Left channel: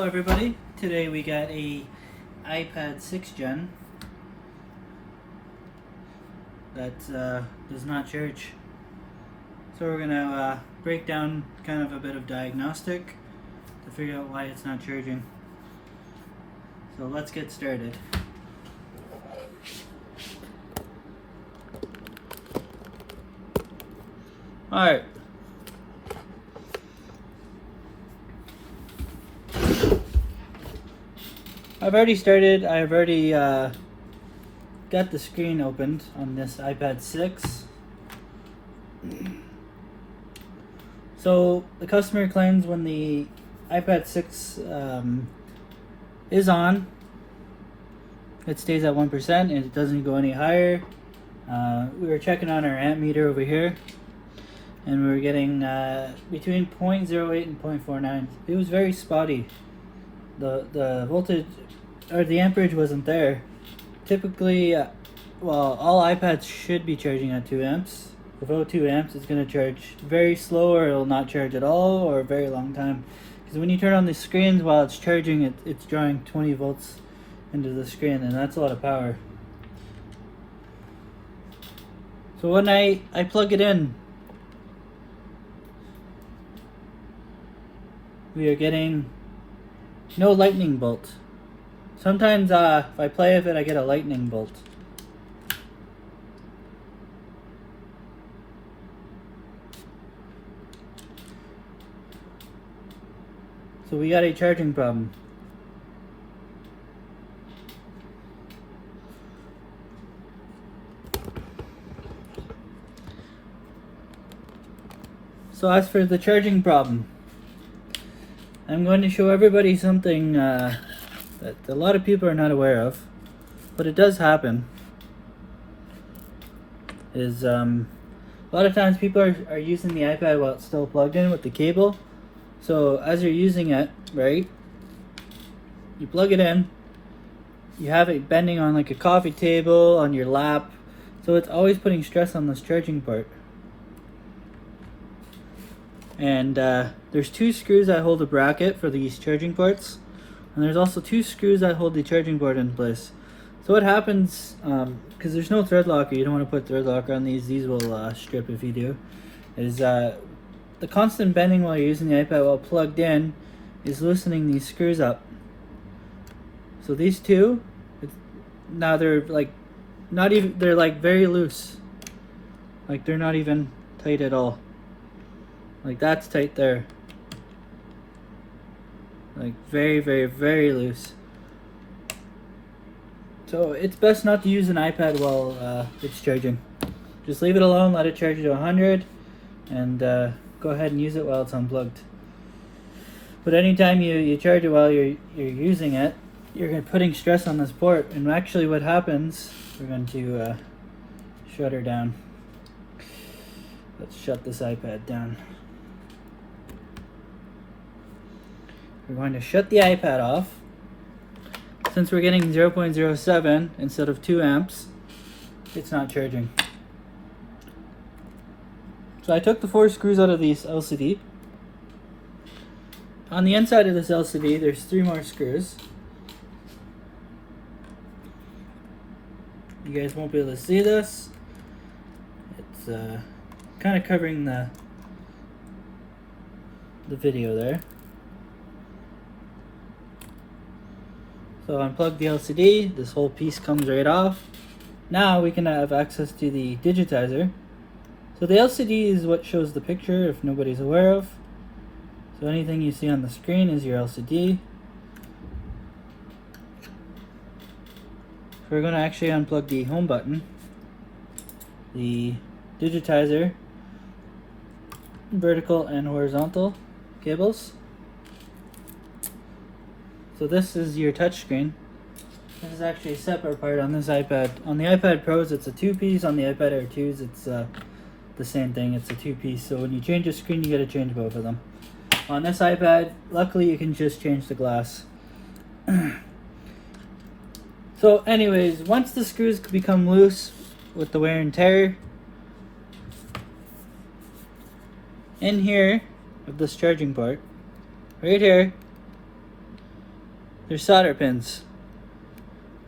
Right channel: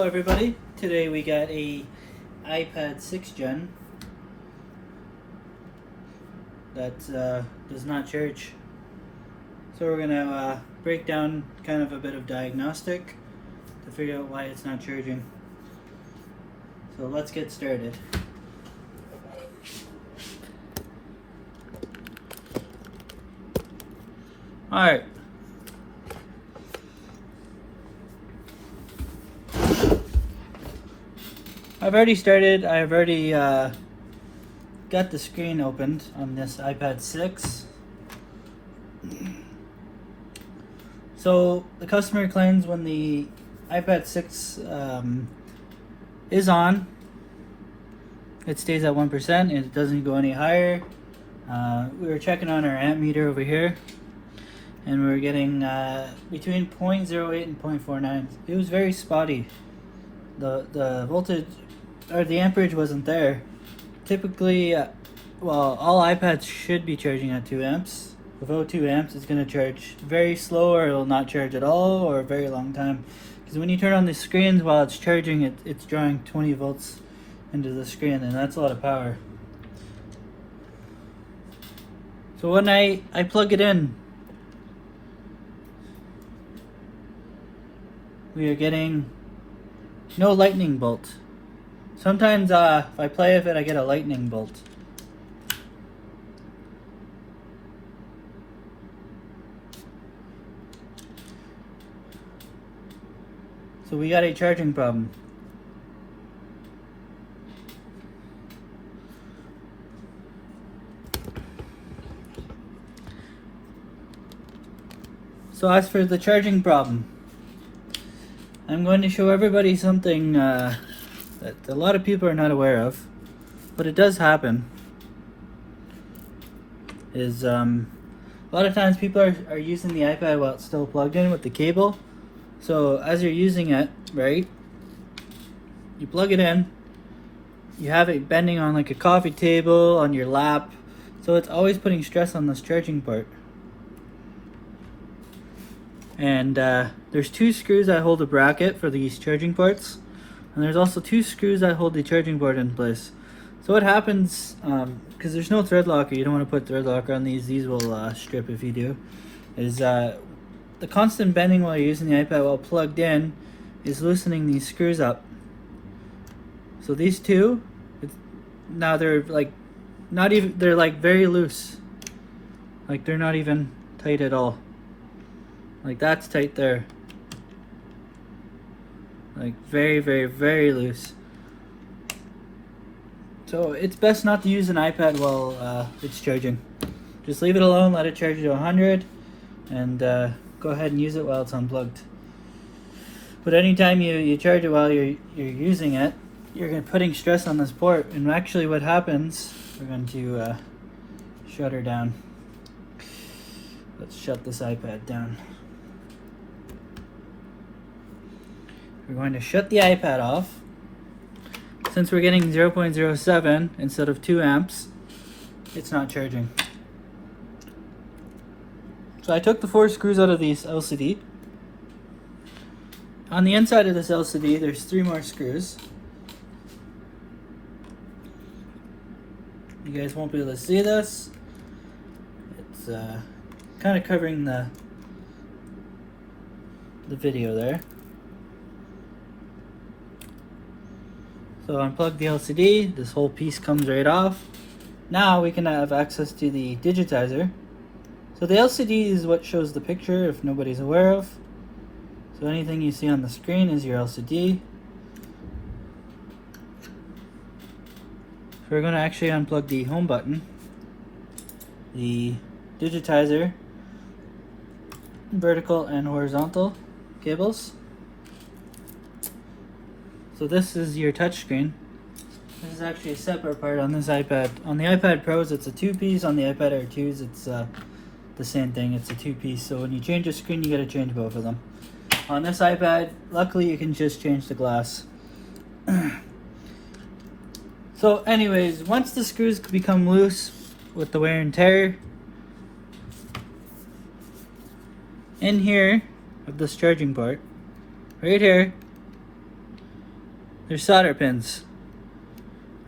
Hello everybody, today we got a iPad 6th Gen that does not charge. So we're going to break down kind of a bit of diagnostic to figure out why it's not charging. So let's get started. Alright. I've already got the screen opened on this iPad 6. So the customer claims when the iPad 6 is on, it stays at 1% and it doesn't go any higher. We were checking on our amp meter over here and we were getting between 0.08 and 0.49. It was very spotty. The voltage or the amperage wasn't there. Typically, well, all iPads should be charging at 2 amps. Without 2 amps, it's going to charge very slow, or it'll not charge at all, or a very long time. Because when you turn on the screens while it's charging, it's drawing 20 volts into the screen, and that's a lot of power. So when I plug it in, we are getting no lightning bolt. Sometimes if I play with it, I get a lightning bolt. So we got a charging problem. So as for the charging problem, I'm going to show everybody something that a lot of people are not aware of, but it does happen. Is a lot of times people are using the iPad while it's still plugged in with the cable. So as you're using it, right, you plug it in, you have it bending on like a coffee table, on your lap, so it's always putting stress on this charging part. And there's 2 screws that hold the bracket for these charging ports, and there's also 2 screws that hold the charging board in place. So what happens, because there's no thread locker, you don't want to put thread locker on these will strip if you do, is the constant bending while you're using the iPad while plugged in is loosening these screws up. So these 2, now they're like not even, they're like very loose. Like they're not even tight at all. Like that's tight there. Like very, very, very loose. So it's best not to use an iPad while it's charging. Just leave it alone, let it charge to 100, and go ahead and use it while it's unplugged. But anytime you charge it while you're using it, you're putting stress on this port. And actually what happens, we're going to shut her down. Let's shut this iPad down. We're going to shut the iPad off. Since we're getting 0.07 instead of 2 amps, it's not charging. So I took the 4 screws out of these LCD. On the inside of this LCD, there's 3 more screws. You guys won't be able to see this. It's kind of covering the video there. So unplug the LCD, this whole piece comes right off. Now we can have access to the digitizer. So the LCD is what shows the picture, if nobody's aware of. So anything you see on the screen is your LCD. So we're going to actually unplug the home button, the digitizer, vertical and horizontal cables. So this is your touchscreen. This is actually a separate part on this iPad. On the iPad Pros, it's a 2-piece. On the iPad Air 2s, it's the same thing. It's a 2-piece. So when you change your screen, you got to change both of them. On this iPad, luckily, you can just change the glass. So, anyways, once the screws become loose with the wear and tear, in here of this charging port, right here, there's solder pins.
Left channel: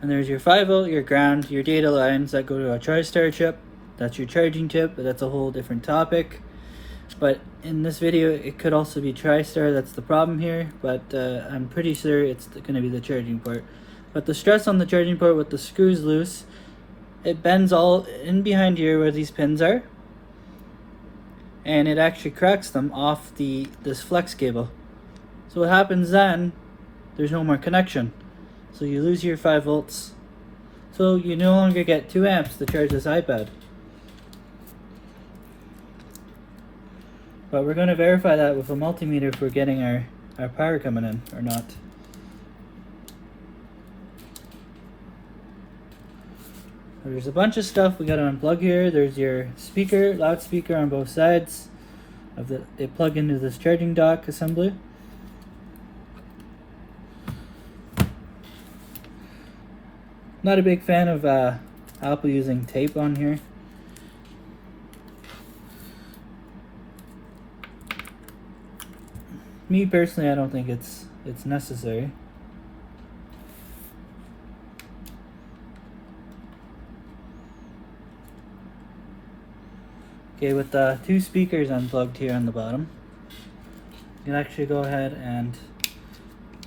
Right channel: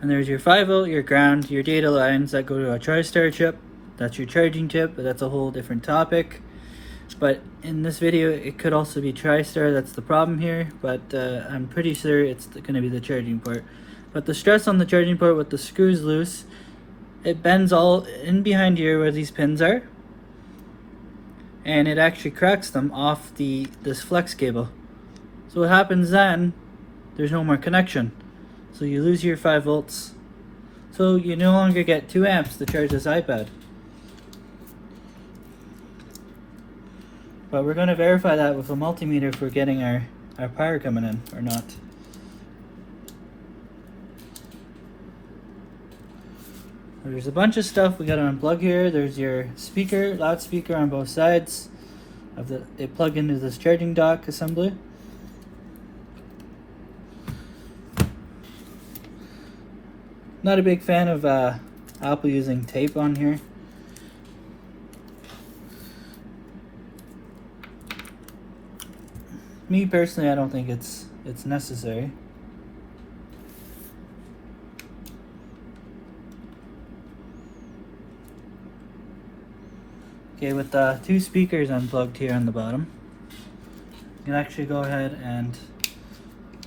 And there's your 5V, your ground, your data lines that go to a TriStar chip. That's your charging chip, but that's a whole different topic. But in this video, it could also be TriStar. That's the problem here, but I'm pretty sure it's going to be the charging port. But the stress on the charging port with the screws loose, it bends all in behind here where these pins are, and it actually cracks them off this flex cable. So what happens then, there's no more connection. So you lose your 5V. So you no longer get 2 amps to charge this iPad. But we're going to verify that with a multimeter if we're getting our power coming in or not. There's a bunch of stuff we got to unplug here. There's your speaker, loudspeaker on both sides. They plug into this charging dock assembly. Not a big fan of Apple using tape on here. Me personally, I don't think it's necessary. Okay, with the 2 speakers unplugged here on the bottom, you can actually go ahead and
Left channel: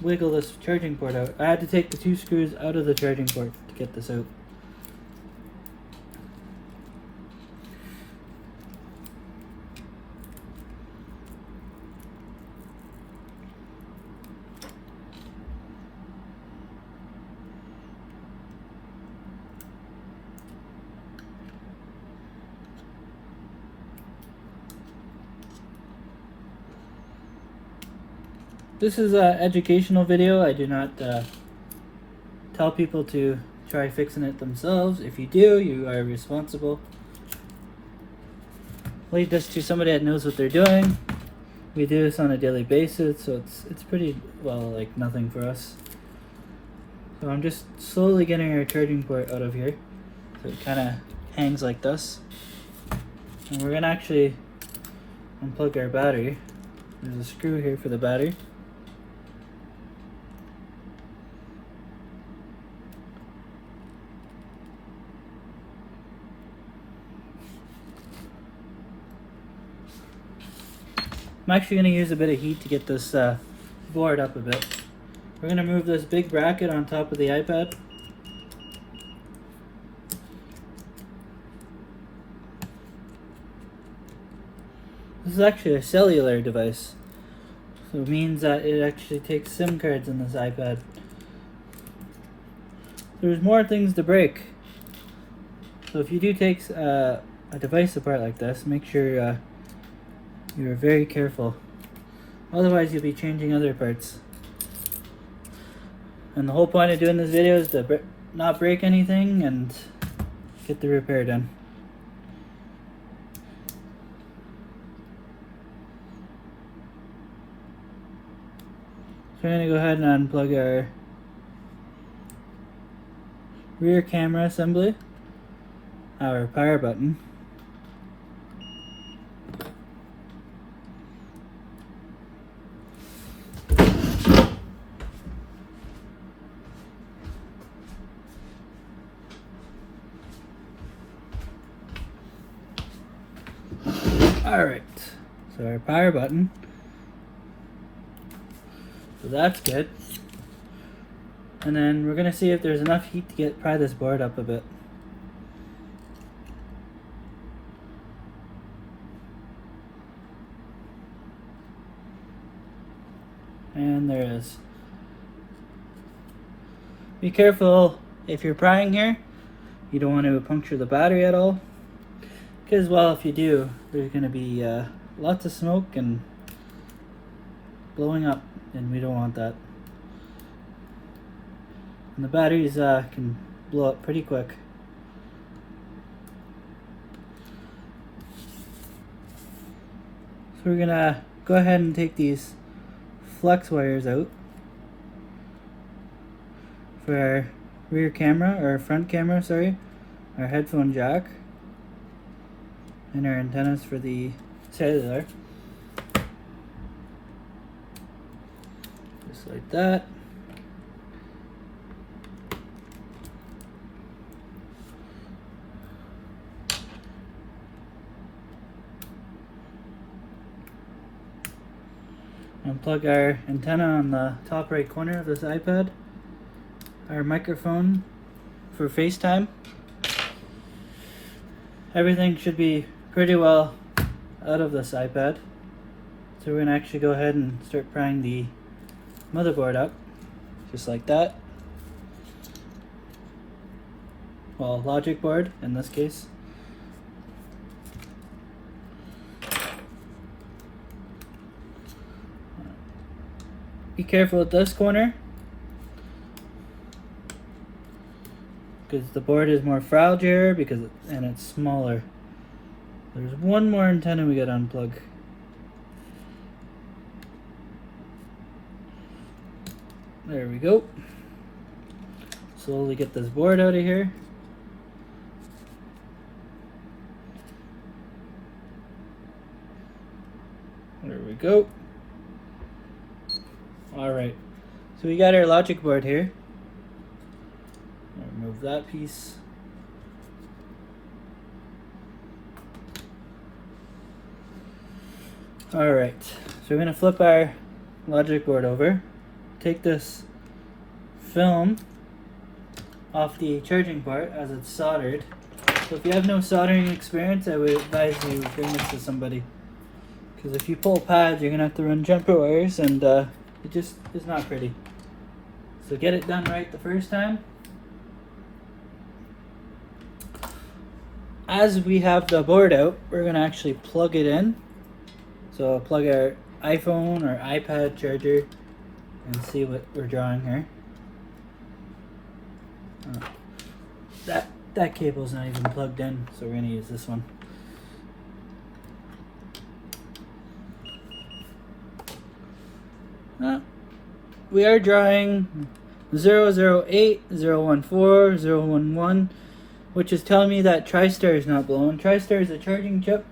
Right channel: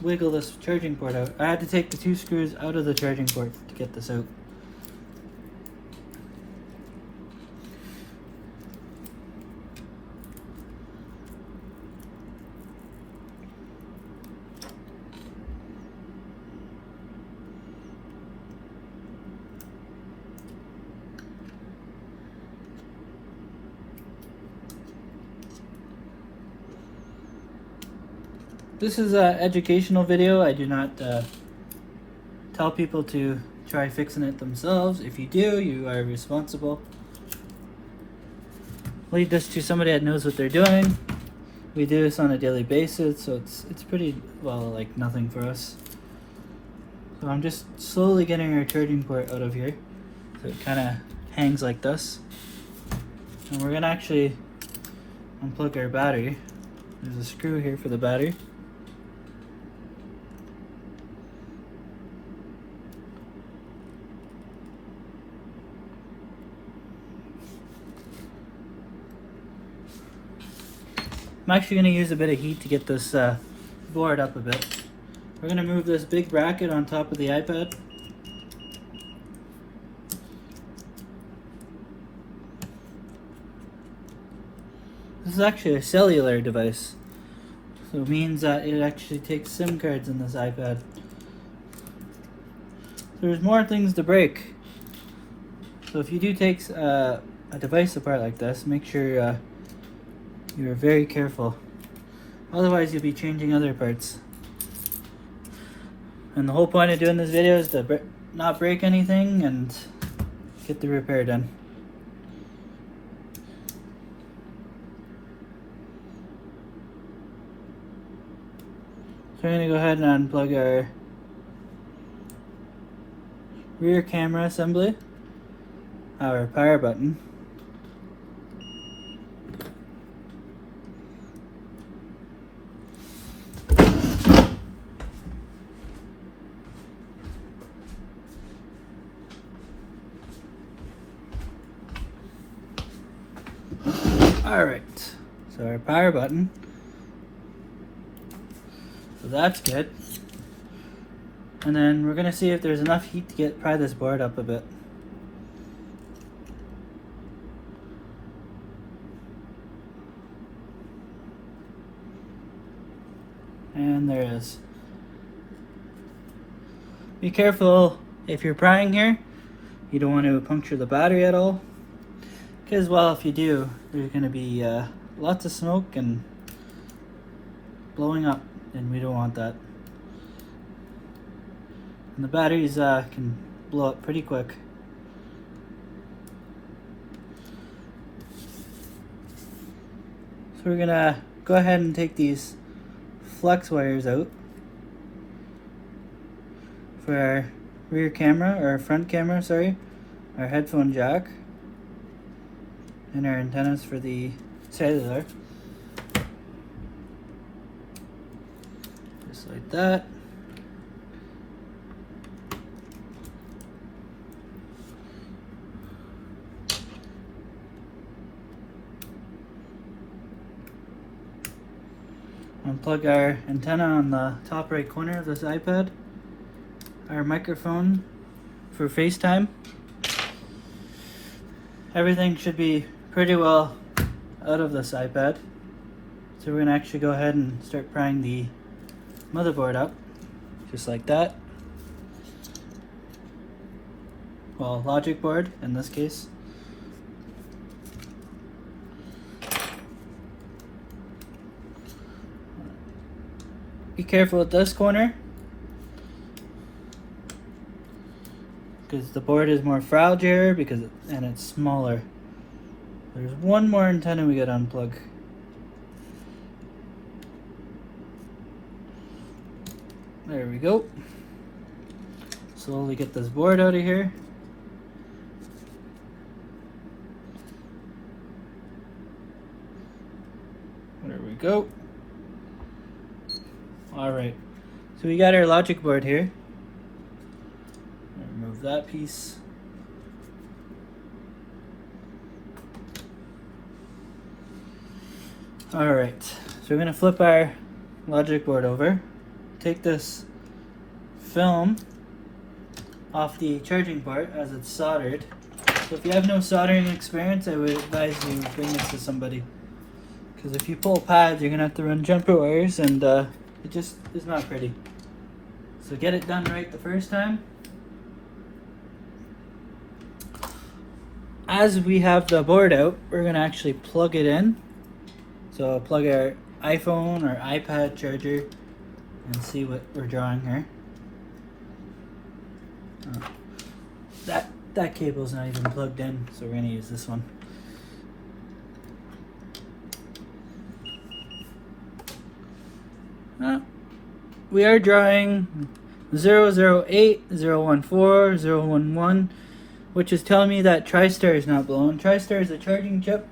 wiggle this charging port out. I had to take the 2 screws out of the charging port to get this out. This is an educational video. I do not tell people to try fixing it themselves. If you do, you are responsible. Leave this to somebody that knows what they're doing. We do this on a daily basis, so it's pretty, well, like nothing for us. So I'm just slowly getting our charging port out of here. It kind of hangs like this. And we're gonna actually unplug our battery. There's a screw here for the battery. I'm actually going to use a bit of heat to get this board up a bit. We're going to move this big bracket on top of the iPad. This is actually a cellular device. So it means that it actually takes SIM cards in this iPad. There's more things to break. So if you do take a device apart like this, make sure you're very careful. Otherwise you'll be changing other parts. And the whole point of doing this video is to not break anything and get the repair done. So I'm going to go ahead and unplug our rear camera assembly, our power button, alright, so our power button, so that's good. And then we're going to see if there's enough heat to pry this board up a bit. And there is. Be careful if you're prying here. You don't want to puncture the battery at all. Because, well, if you do, there's going to be lots of smoke and blowing up, and we don't want that. And the batteries can blow up pretty quick. So we're going to go ahead and take these flex wires out for our rear camera, or front camera, sorry, our headphone jack, and our antennas for the cellular. Just like that. Unplug our antenna on the top right corner of this iPad. Our microphone for FaceTime. Everything should be pretty well out of this iPad. So we're gonna actually go ahead and start prying the motherboard up, just like that. Well, logic board in this case. Be careful with this corner, because the board is more fragile and it's smaller. There's one more antenna we gotta unplug. There we go. Slowly get this board out of here. There we go. Alright, so we got our logic board here. Remove that piece. Alright, so we're going to flip our logic board over. Take this film off the charging part as it's soldered. So if you have no soldering experience, I would advise you bring this to somebody. Because if you pull pads, you're going to have to run jumper wires and it just is not pretty. So get it done right the first time. As we have the board out, we're going to actually plug it in. So plug our iPhone or iPad charger and see what we're drawing here. That cable's not even plugged in, so we're going to use this one. We are drawing 008, 014, 011, which is telling me that TriStar is not blown. TriStar is a charging chip.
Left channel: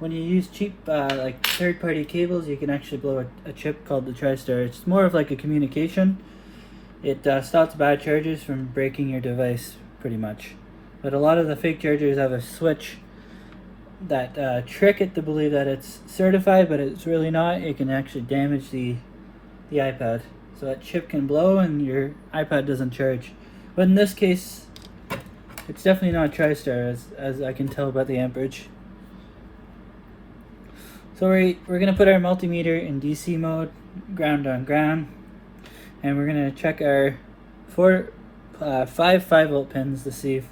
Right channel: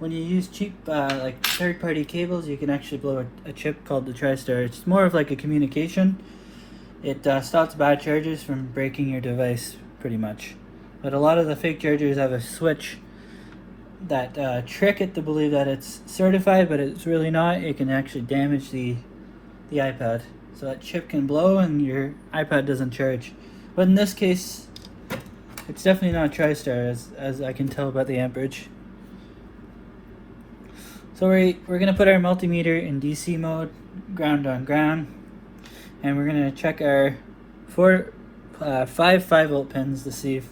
When you use cheap like third-party cables, you can actually blow a chip called the TriStar. It's more of like a communication. It stops bad chargers from breaking your device, pretty much. But a lot of the fake chargers have a switch that trick it to believe that it's certified, but it's really not. It can actually damage the iPad. So that chip can blow and your iPad doesn't charge. But in this case, it's definitely not TriStar, as I can tell by the amperage. So we're going to put our multimeter in DC mode, ground on ground, and we're going to check our 5 5-volt pins to see if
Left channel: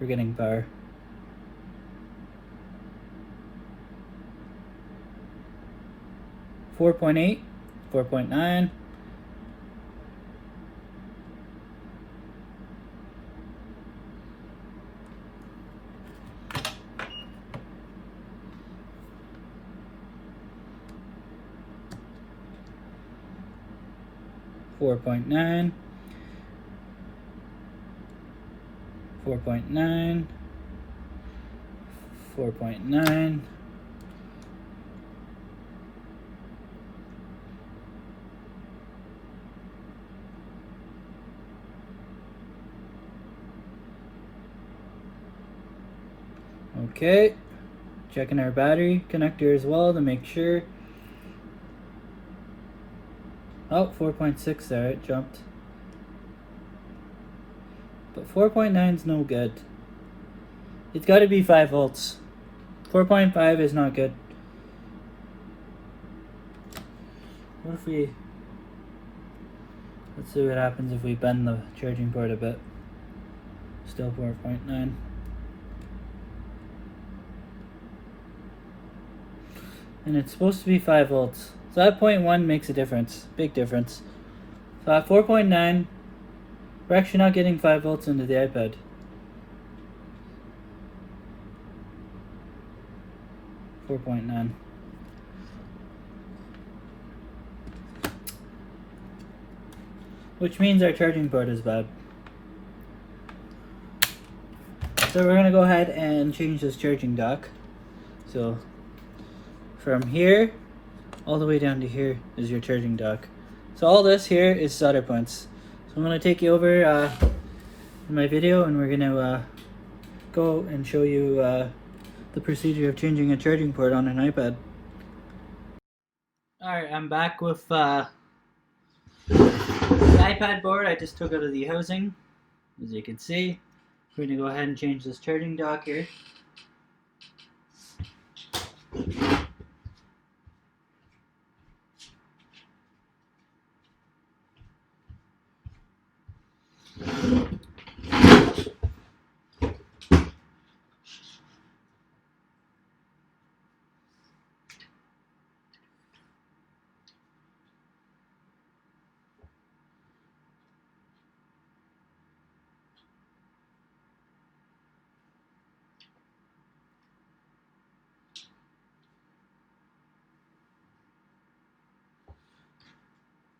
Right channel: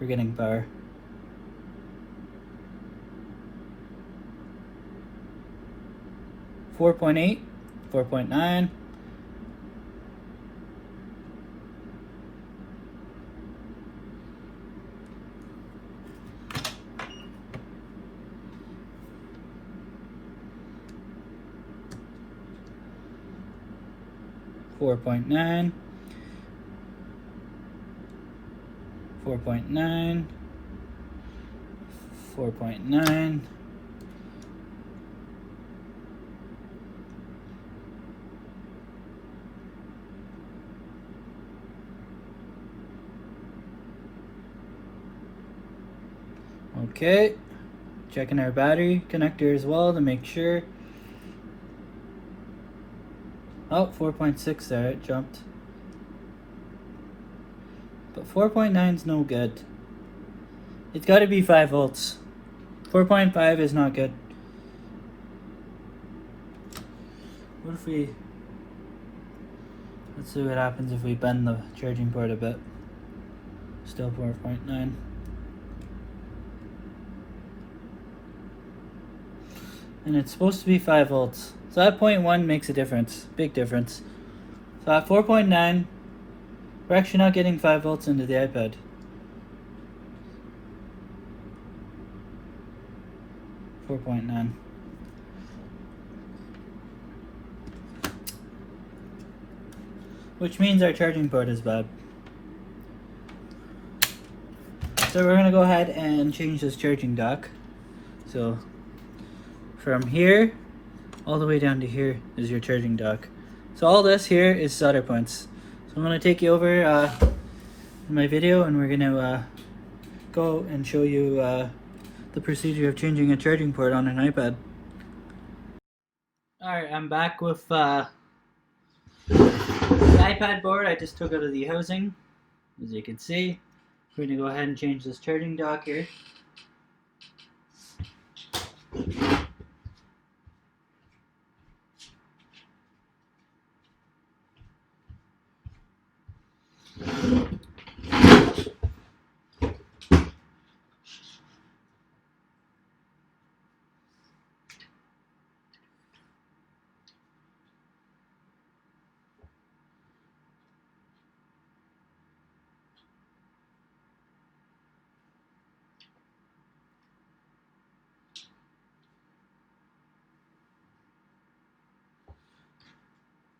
we're getting power. .8, 4.9, 4.9, 4.9, 4.9, 4.9. Okay, checking our battery connector as well to make sure. Oh, 4.6 there, it jumped. But 4.9 is no good. It's got to be 5 volts. 4.5 is not good. What if we... Let's see what happens if we bend the charging port a bit. Still 4.9. And it's supposed to be 5 volts. So that 0.1 makes a difference, big difference. So at 4.9, we're actually not getting 5 volts into the iPad. .9. Which means our charging port is bad. So we're going to go ahead and change this charging dock. So from here all the way down to here is your charging dock. So all this here is solder points. So I'm going to take you over my video, and we're going to go and show you the procedure of changing a charging port on an iPad. Alright, I'm back with the iPad board I just took out of the housing. As you can see, we're going to go ahead and change this charging dock here.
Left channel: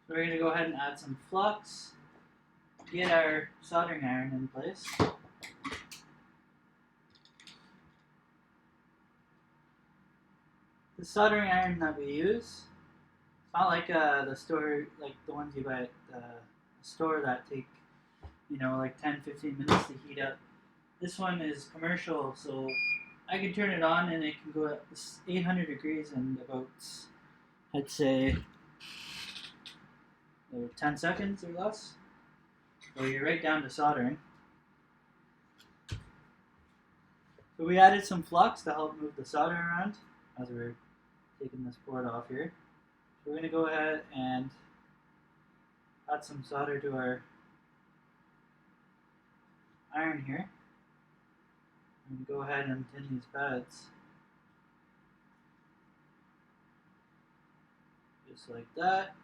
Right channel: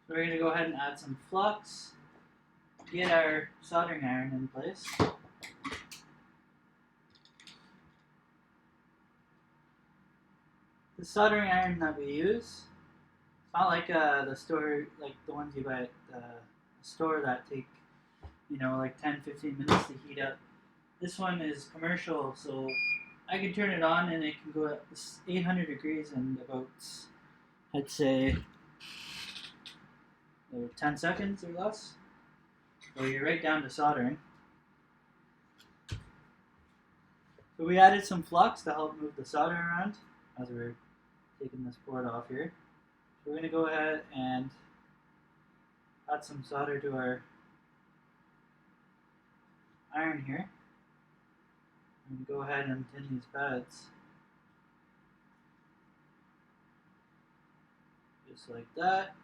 So we're going to go ahead and add some flux, get our soldering iron in place. The soldering iron that we use, it's not like the store, like the ones you buy at the store that take, like 10-15 minutes to heat up. This one is commercial, so I can turn it on and it can go at 800 degrees in about, I'd say, 10 seconds or less. So you're right down to soldering. So we added some flux to help move the solder around as we're taking this board off here. So we're going to go ahead and add some solder to our iron here. And go ahead and tin these pads. Just like that.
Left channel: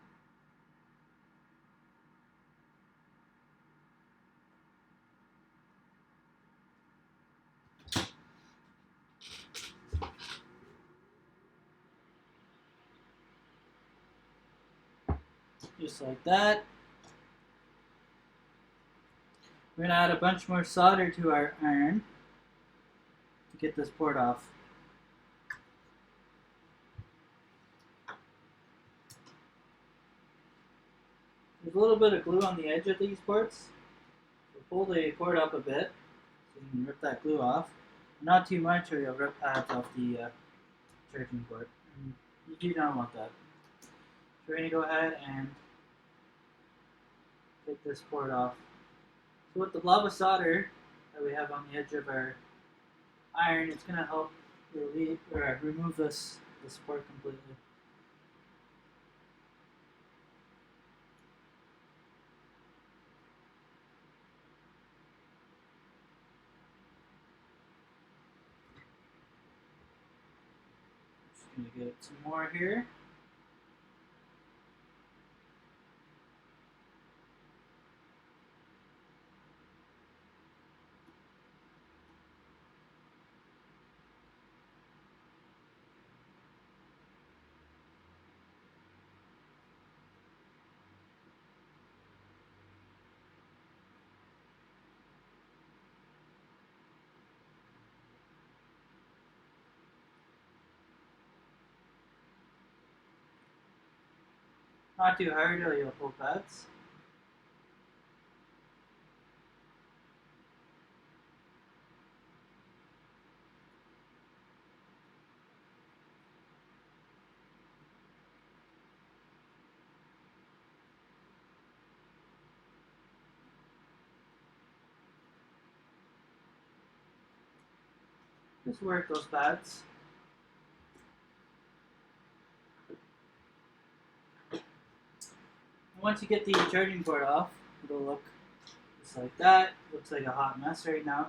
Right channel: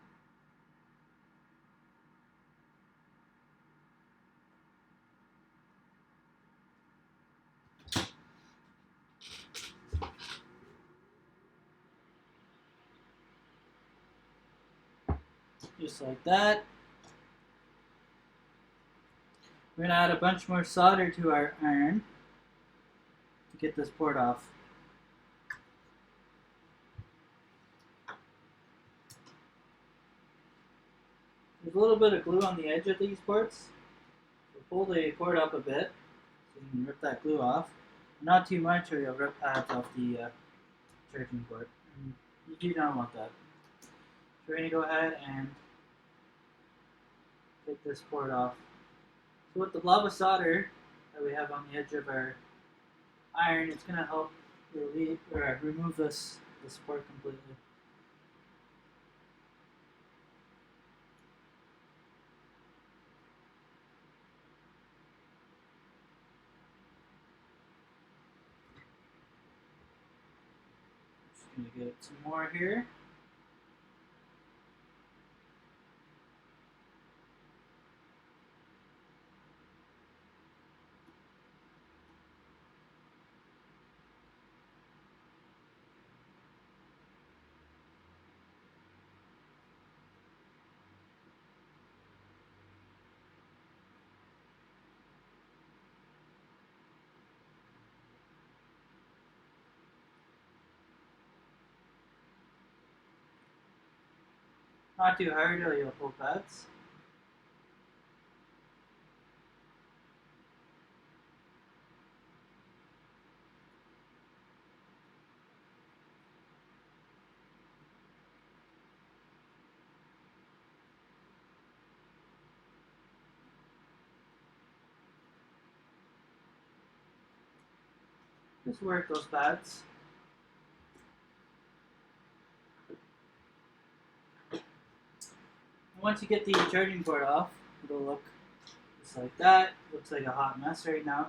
Just like that. We're going to add a bunch more solder to our iron to get this board off. There's a little bit of glue on the edge of these ports. So pull the port up a bit so you can rip that glue off. Not too much or you'll rip pads off the charging port. And you do not want that. So we're going to go ahead and take this port off. So with the blob of solder that we have on the edge of our iron, it's going to help remove this port completely. Just going to get some more here. Not too hard or you'll pull pads. Just work those pads. Once you get the charging port off, it'll look just like that. Looks like a hot mess right now.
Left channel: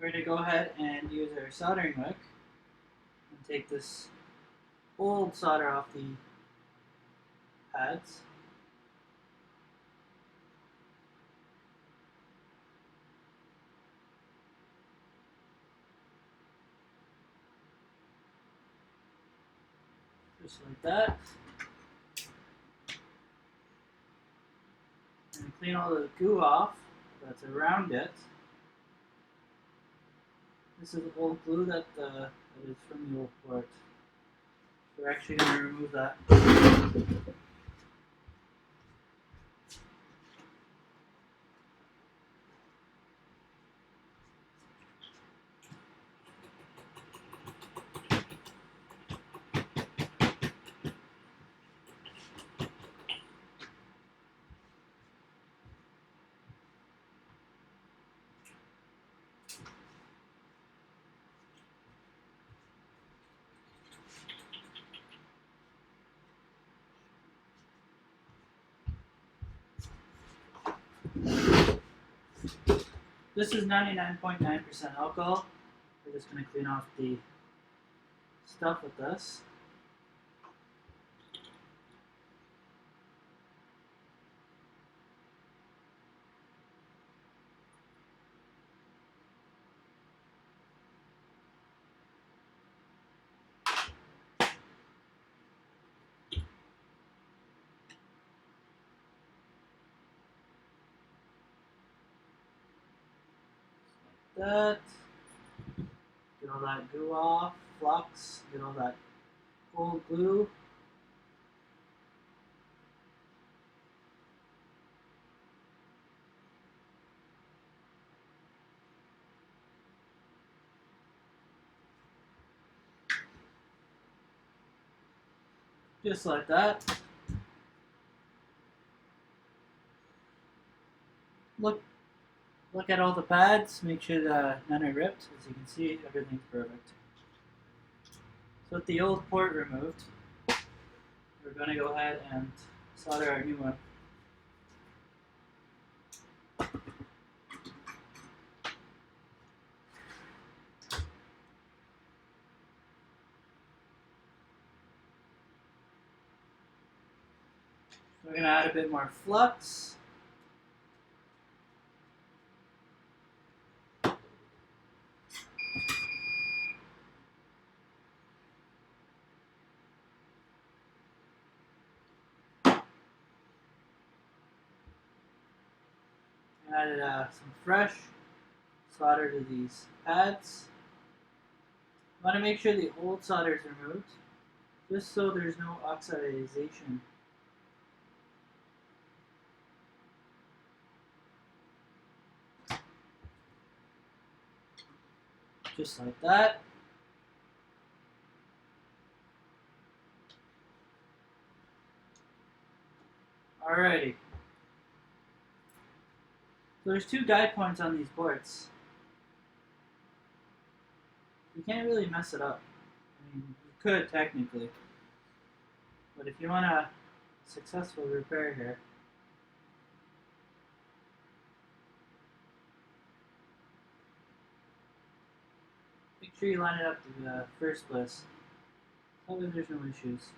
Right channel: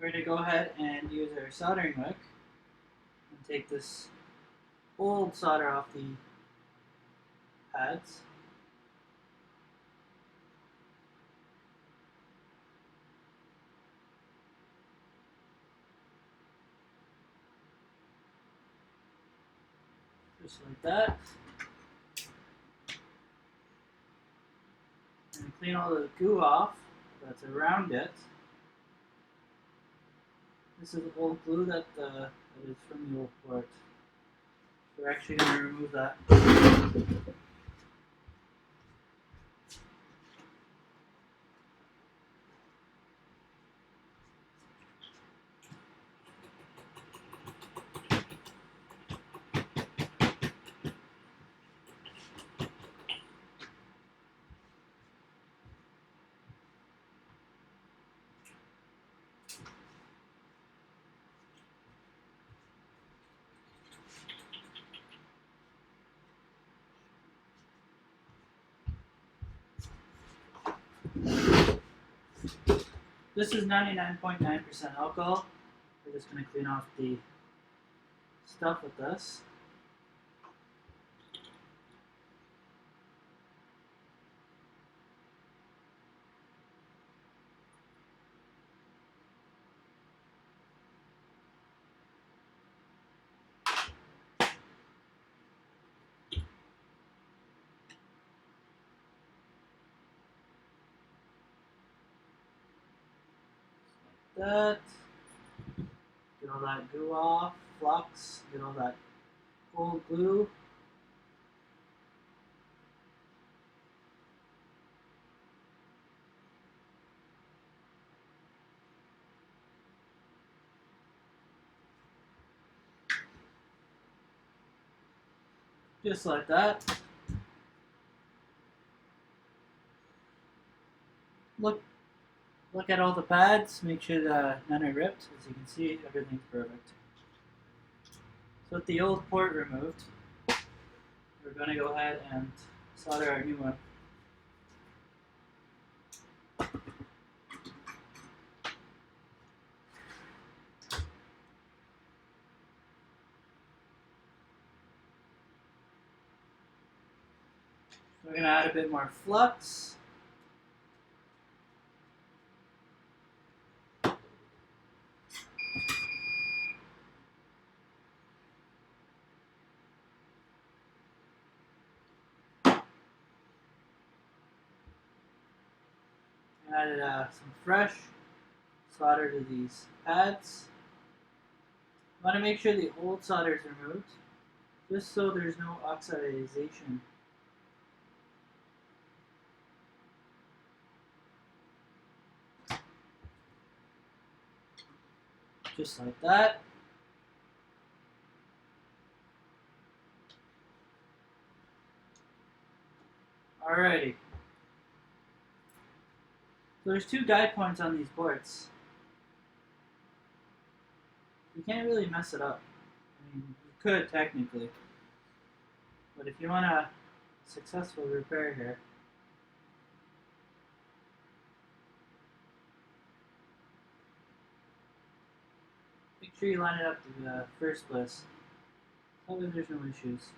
We're going to go ahead and use our soldering hook and take this old solder off the pads. Just like that. And clean all the goo off. that's around it. This is old glue that is from the old port. We're actually going to remove that. This is 99.9% alcohol. We're just going to clean off the stuff with this. That. Get all that goo off, flux, get all that old glue. Just like that. Look at all the pads, make sure that none are ripped. As you can see, everything's perfect. So with the old port removed, we're going to go ahead and solder our new one. We're going to add a bit more flux. Added some fresh solder to these pads. You want to make sure the old solder is removed, just so there's no oxidization. Just like that. Alrighty. So there's two guide points on these boards. You can't really mess it up. I mean, you could technically, but if you want a successful repair here, make sure you line it up to the first place. That way there's no issues.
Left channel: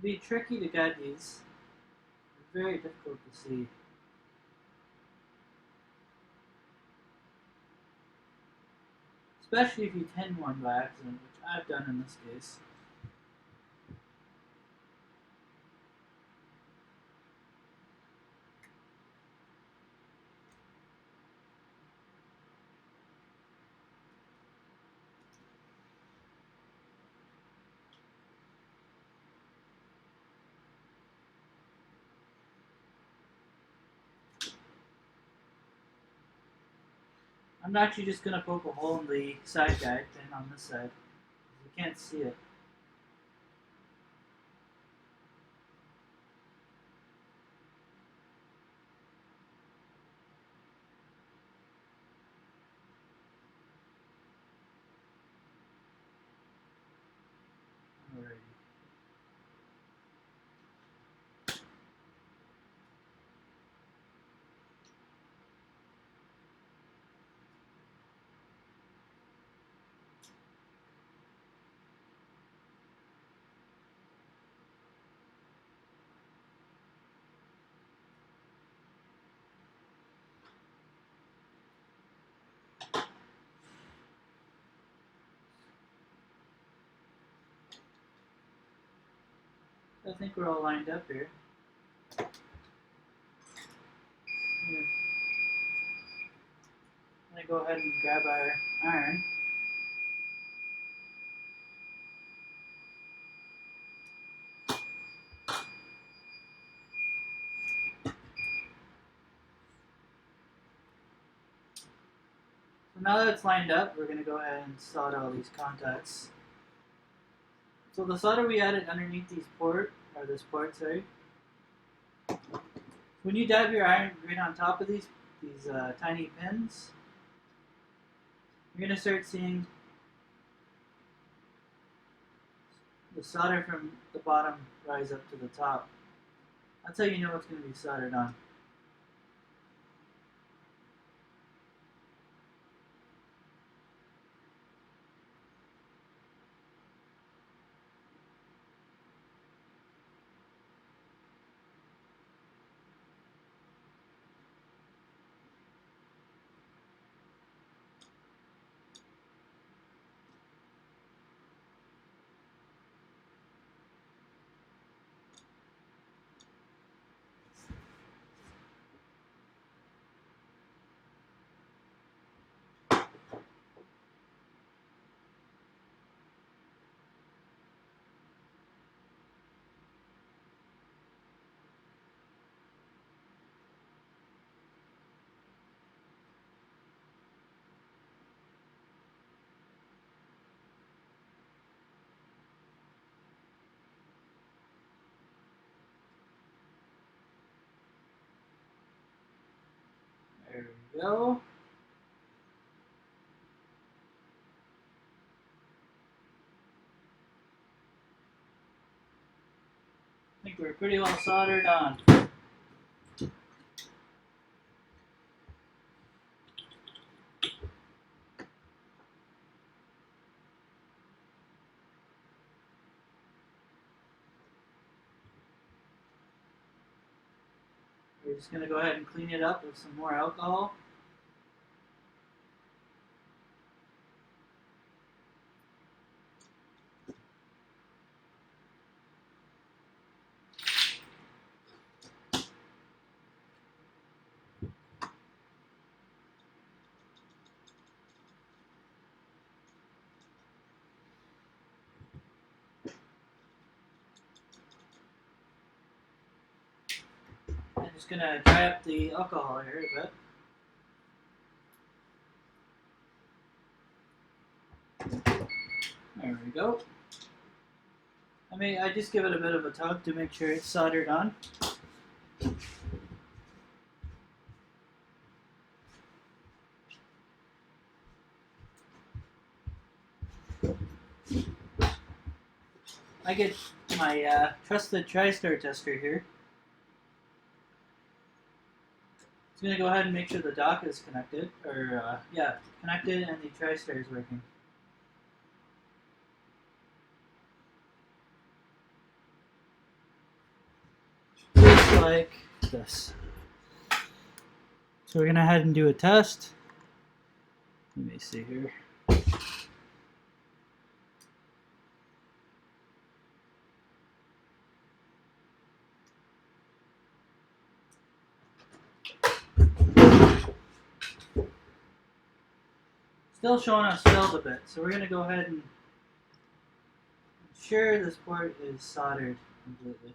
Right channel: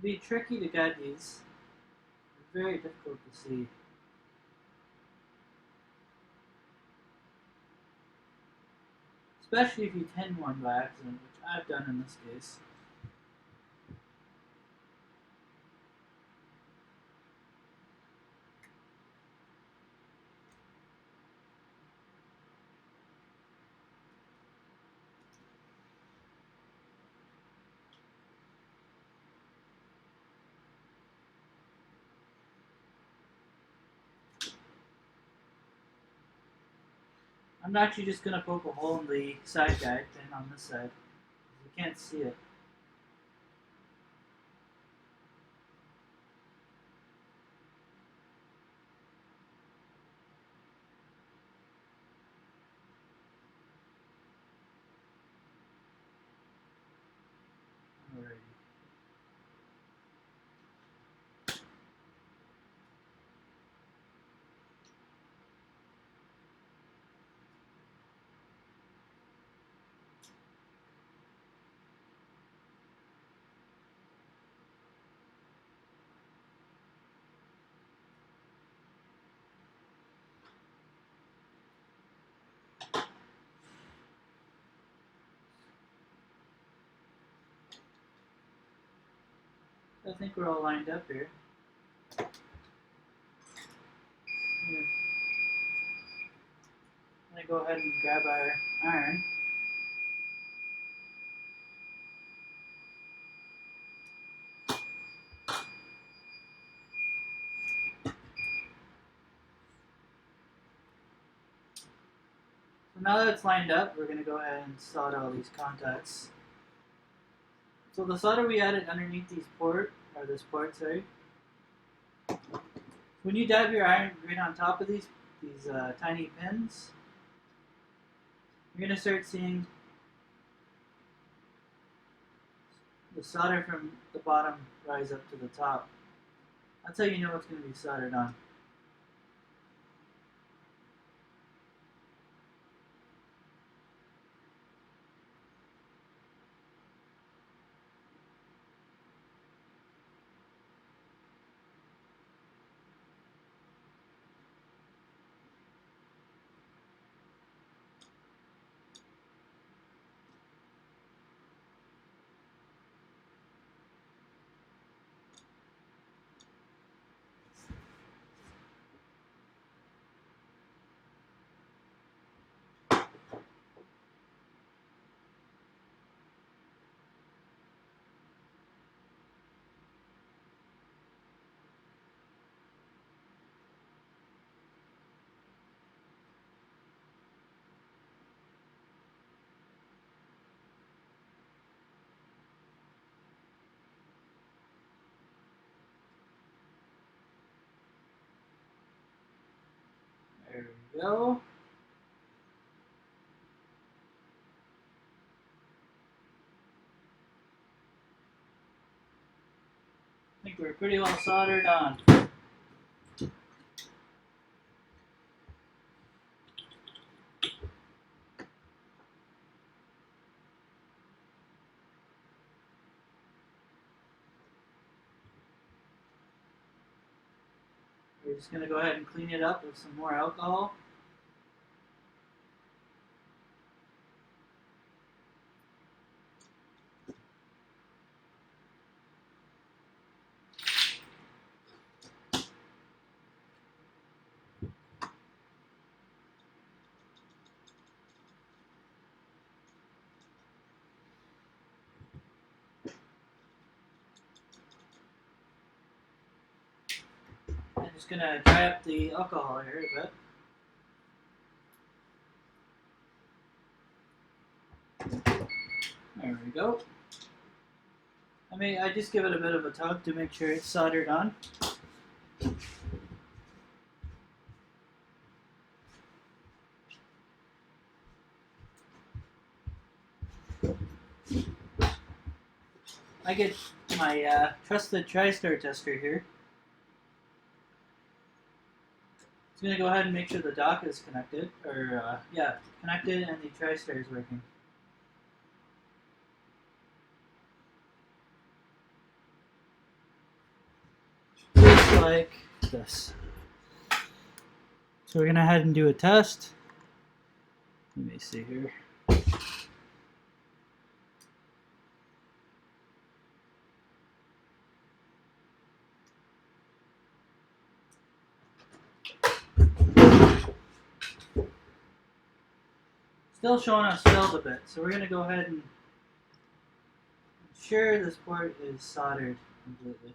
It'd be tricky to guide these. They're very difficult to see. Especially if you tin one by accident, which I've done in this case. I'm actually just going to poke a hole in the side guide tin on this side. You can't see it. I think we're all lined up here. I'm gonna go ahead and grab our iron. So now that it's lined up, we're gonna go ahead and solder all these contacts. So the solder we added underneath this port, sorry. When you dab your iron right on top of these tiny pins, you're gonna start seeing the solder from the bottom rise up to the top. That's how you know it's going to be soldered on. There we go. I think we're pretty well soldered on. We're just going to go ahead and clean it up with some more alcohol. I'm just going to dry up the alcohol here a bit. There we go. I just give it a bit of a tug to make sure it's soldered on. I get my trusted TriStar tester here. It's going to go ahead and make sure the dock is connected, connected and the TriStar is working. Just like this. So we're going to head and do a test. Let me see here. Still showing us filled a bit, so we're going to go ahead and ensure this port is soldered completely.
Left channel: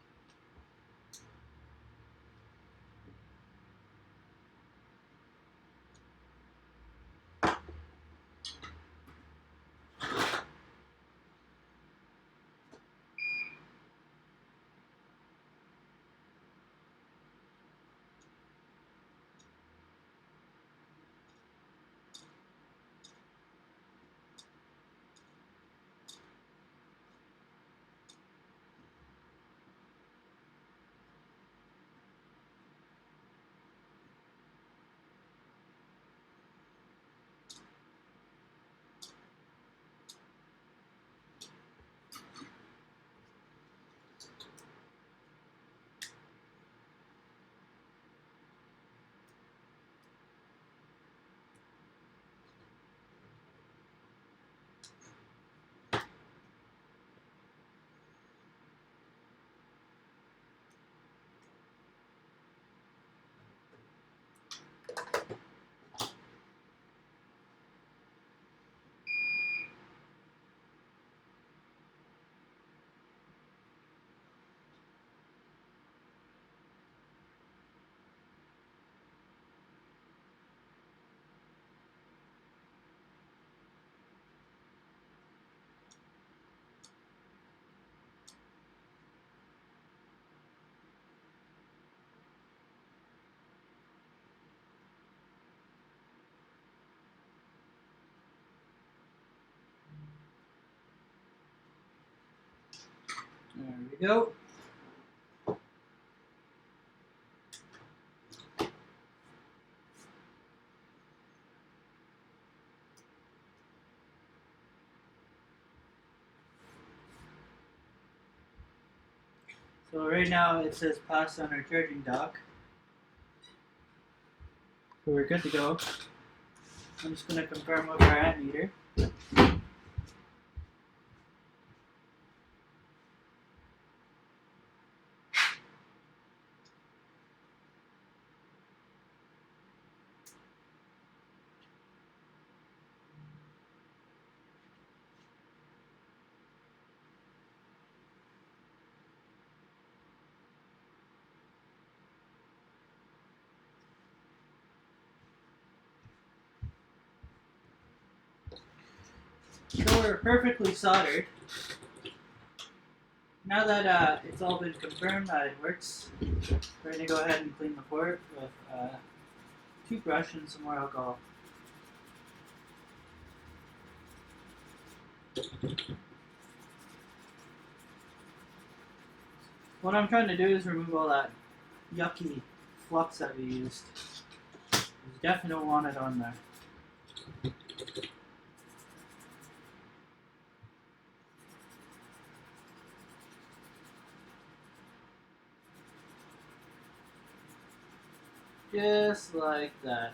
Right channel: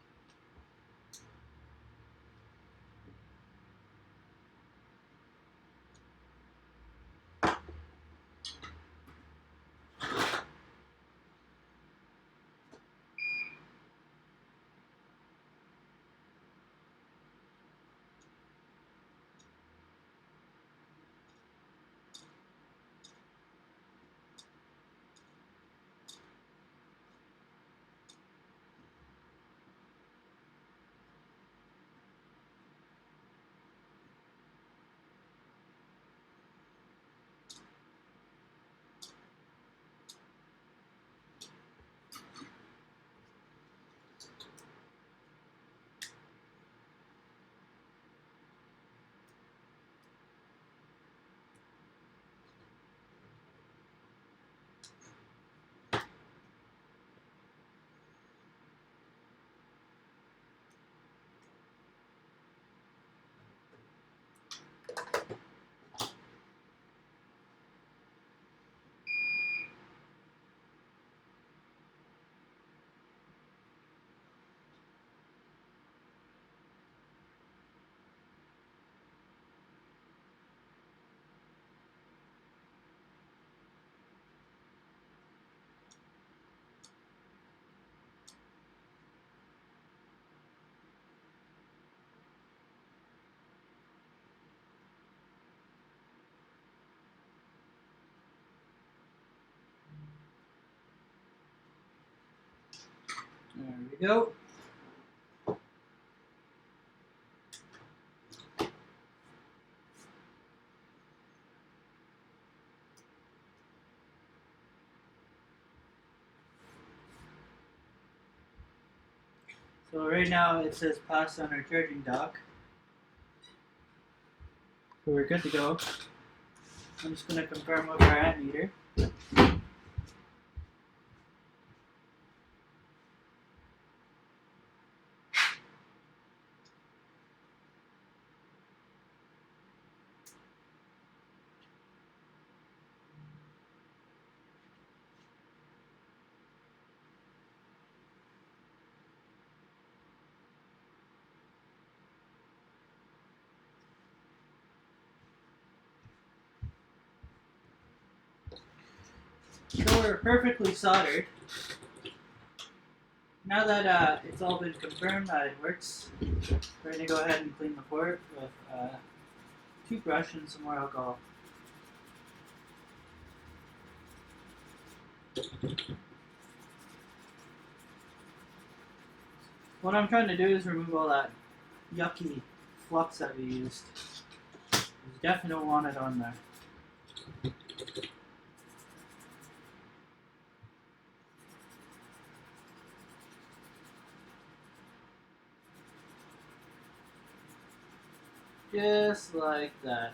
we go. So right now it says pass on our charging dock. So we're good to go. I'm just going to confirm with our ammeter. So we're perfectly soldered. Now that it's all been confirmed that it works, we're going to go ahead and clean the port with a toothbrush and some more alcohol. What I'm trying to do is remove all that yucky flux that we used. You definitely don't want it on there. Just like that.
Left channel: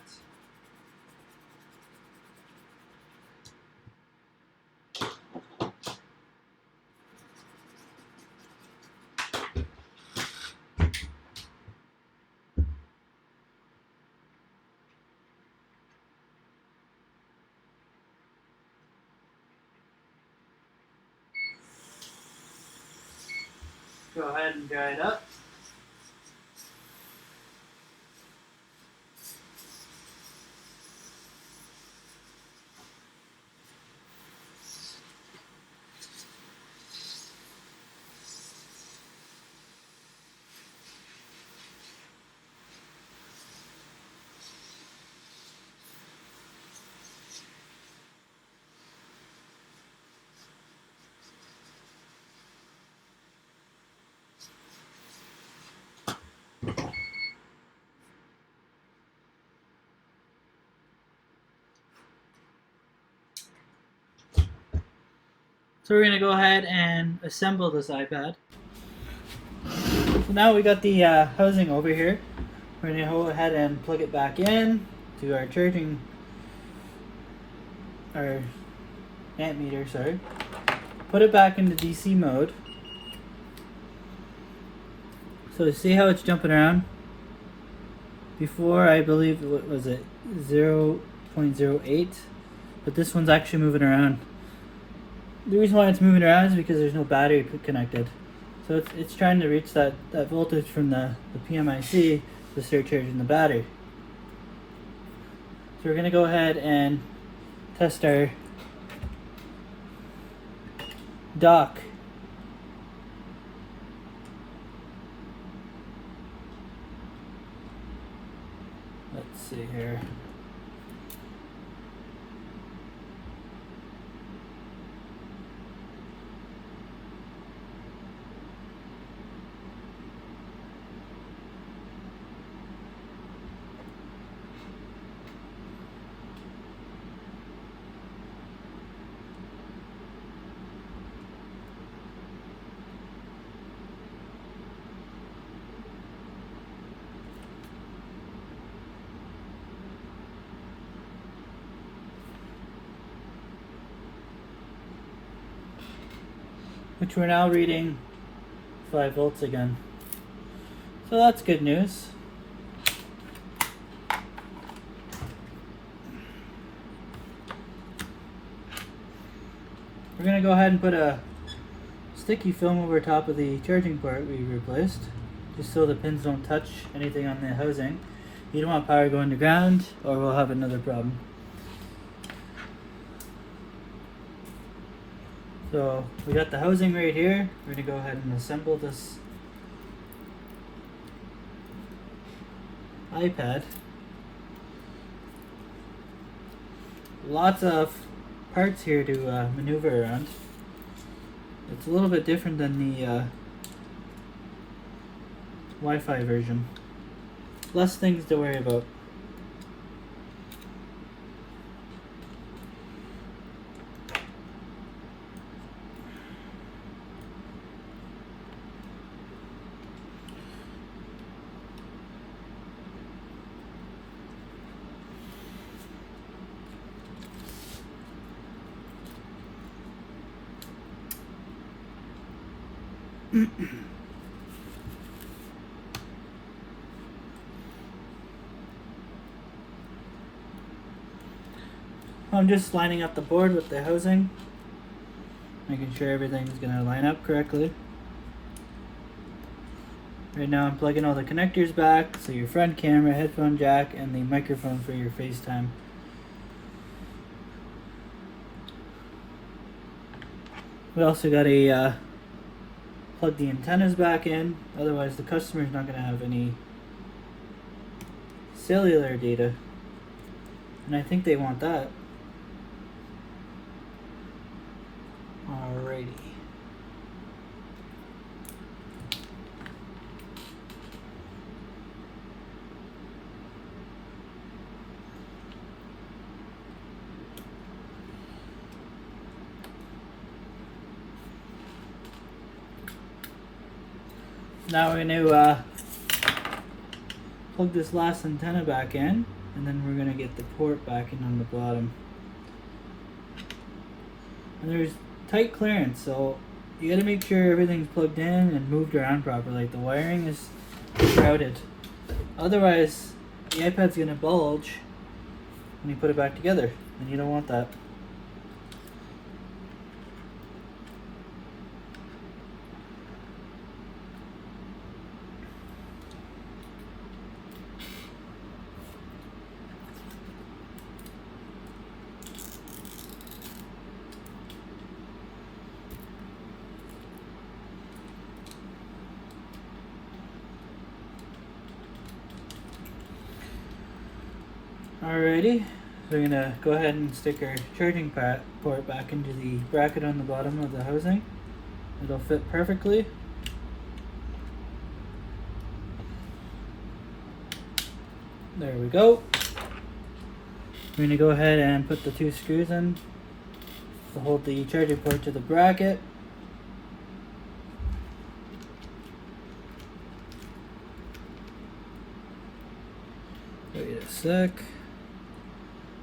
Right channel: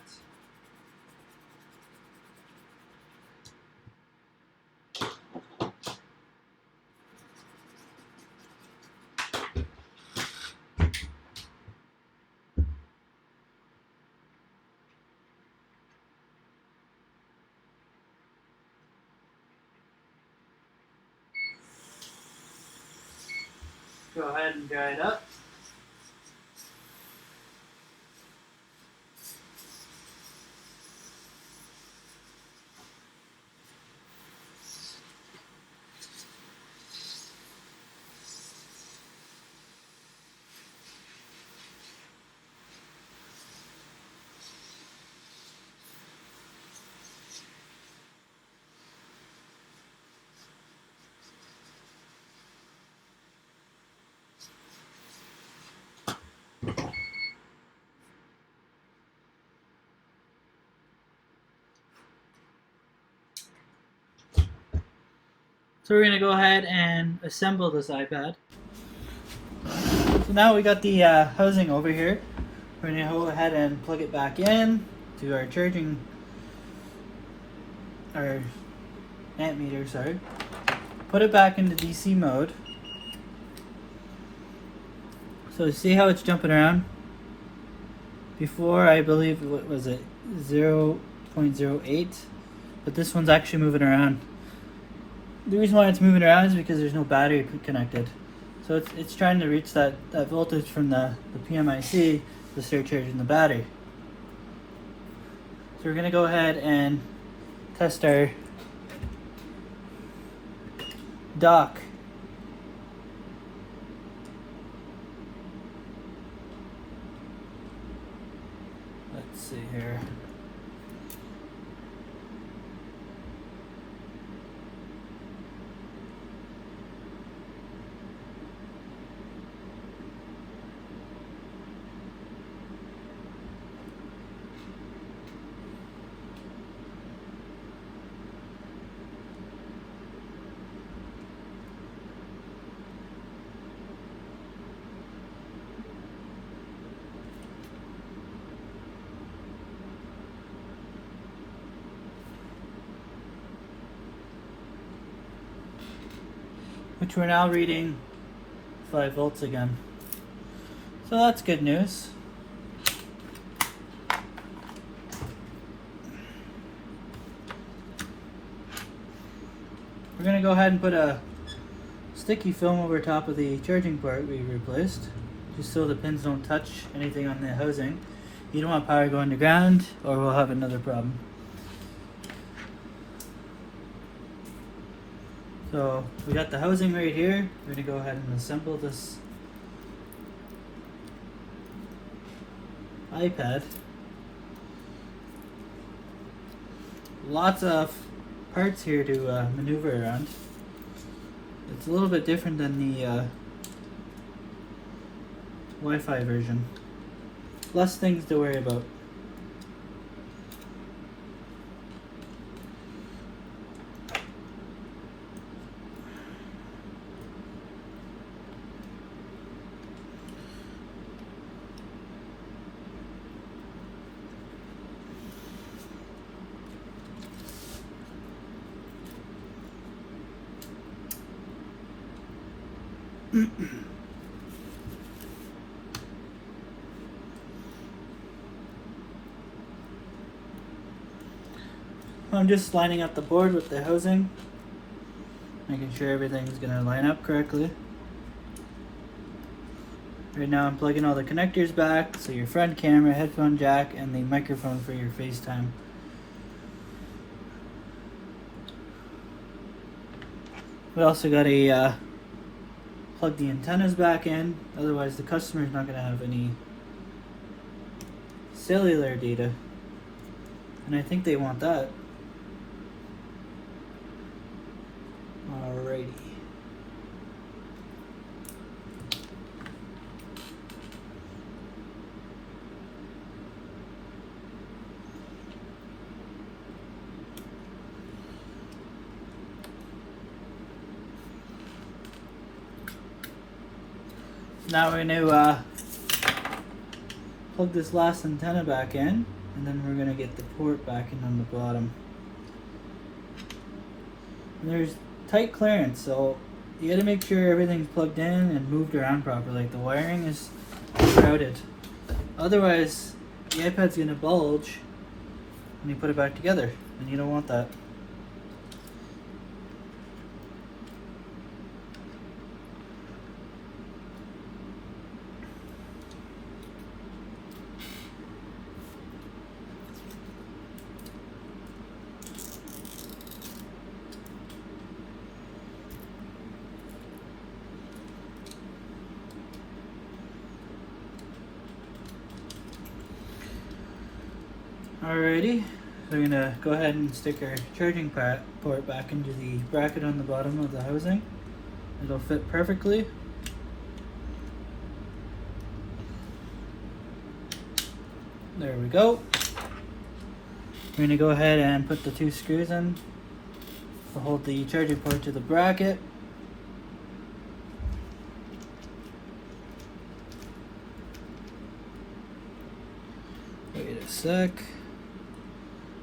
Go ahead and dry it up. So we're going to go ahead and assemble this iPad. So now we got the housing over here. We're going to go ahead and plug it back in to our charging, our amp meter, sorry. Put it back into DC mode. So see how it's jumping around? Before, I believe, what was it, 0.08, but this one's actually moving around. The reason why it's moving around is because there's no battery connected. So it's trying to reach that voltage from the PMIC to start charging the battery. So we're going to go ahead and test our dock. Let's see here. Which we're now reading 5 volts again. So that's good news. We're going to go ahead and put a sticky film over top of the charging port we replaced, just so the pins don't touch anything on the housing. You don't want power going to ground, or we'll have another problem. So we got the housing right here. We're going to go ahead and assemble this iPad. Lots of parts here to maneuver around. It's a little bit different than the Wi-Fi version. Less things to worry about. I'm just lining up the board with the housing, making sure everything's gonna line up correctly. Right now I'm plugging all the connectors back, so your front camera, headphone jack, and the microphone for your FaceTime. We also got to plug the antennas back in, otherwise the customer's not gonna have any cellular data, and I think they want that. Alrighty. Now we're going to plug this last antenna back in, and then we're going to get the port back in on the bottom. And there's tight clearance, so you got to make sure everything's plugged in and moved around properly. The wiring is crowded. Otherwise, the iPad's going to bulge when you put it back together, and you don't want that. Alrighty, we're gonna go ahead and stick our charging port back into the bracket on the bottom of the housing. It'll fit perfectly. There we go. We're gonna go ahead and put the 2 screws in to hold the charging port to the bracket. Wait a sec.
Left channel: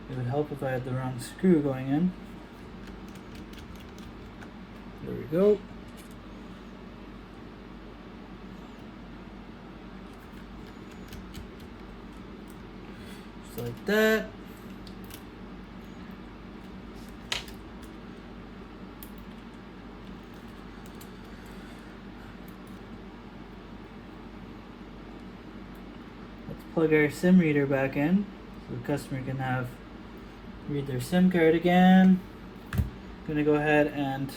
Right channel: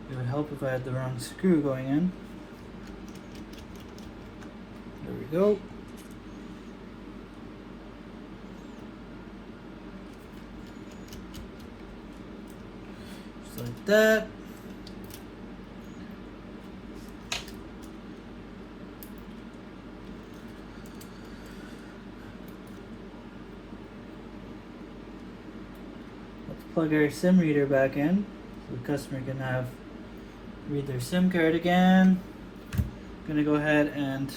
It would help if I had the wrong screw going in. There we go. Just like that. Let's plug our SIM reader back in so the customer can read their SIM card again. I'm gonna go ahead and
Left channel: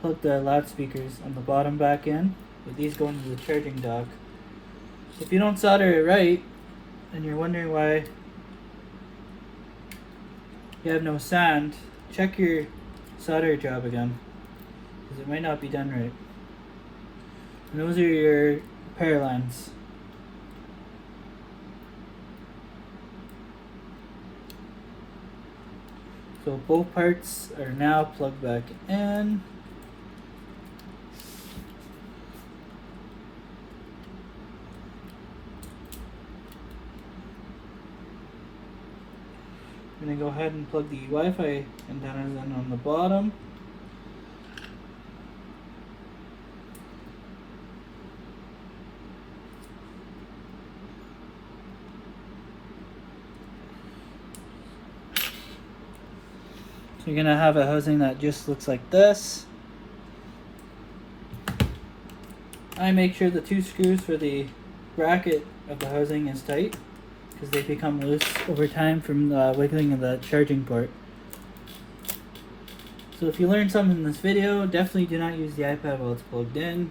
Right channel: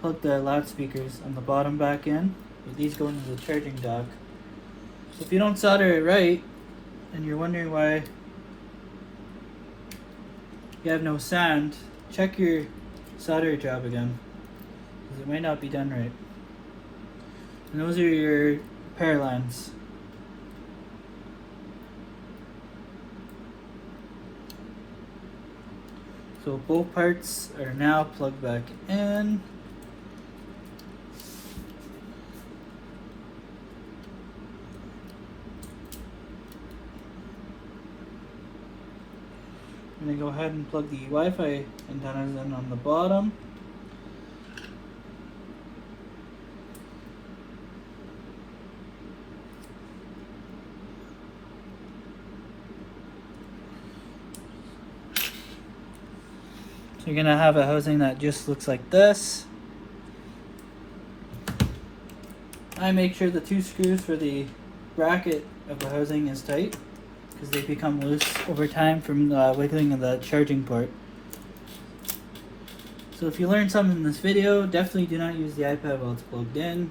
plug the loudspeakers on the bottom back in, with these going to the charging dock. So if you don't solder it right, and you're wondering why you have no sound, check your solder job again, because it might not be done right. And those are your pair lines. So both parts are now plugged back in. I'm going to go ahead and plug the Wi-Fi antennas in on the bottom. You're gonna have a housing that just looks like this. I make sure the 2 screws for the bracket of the housing is tight, because they become loose over time from the wiggling of the charging port. So if you learned something in this video, definitely do not use the iPad while it's plugged in,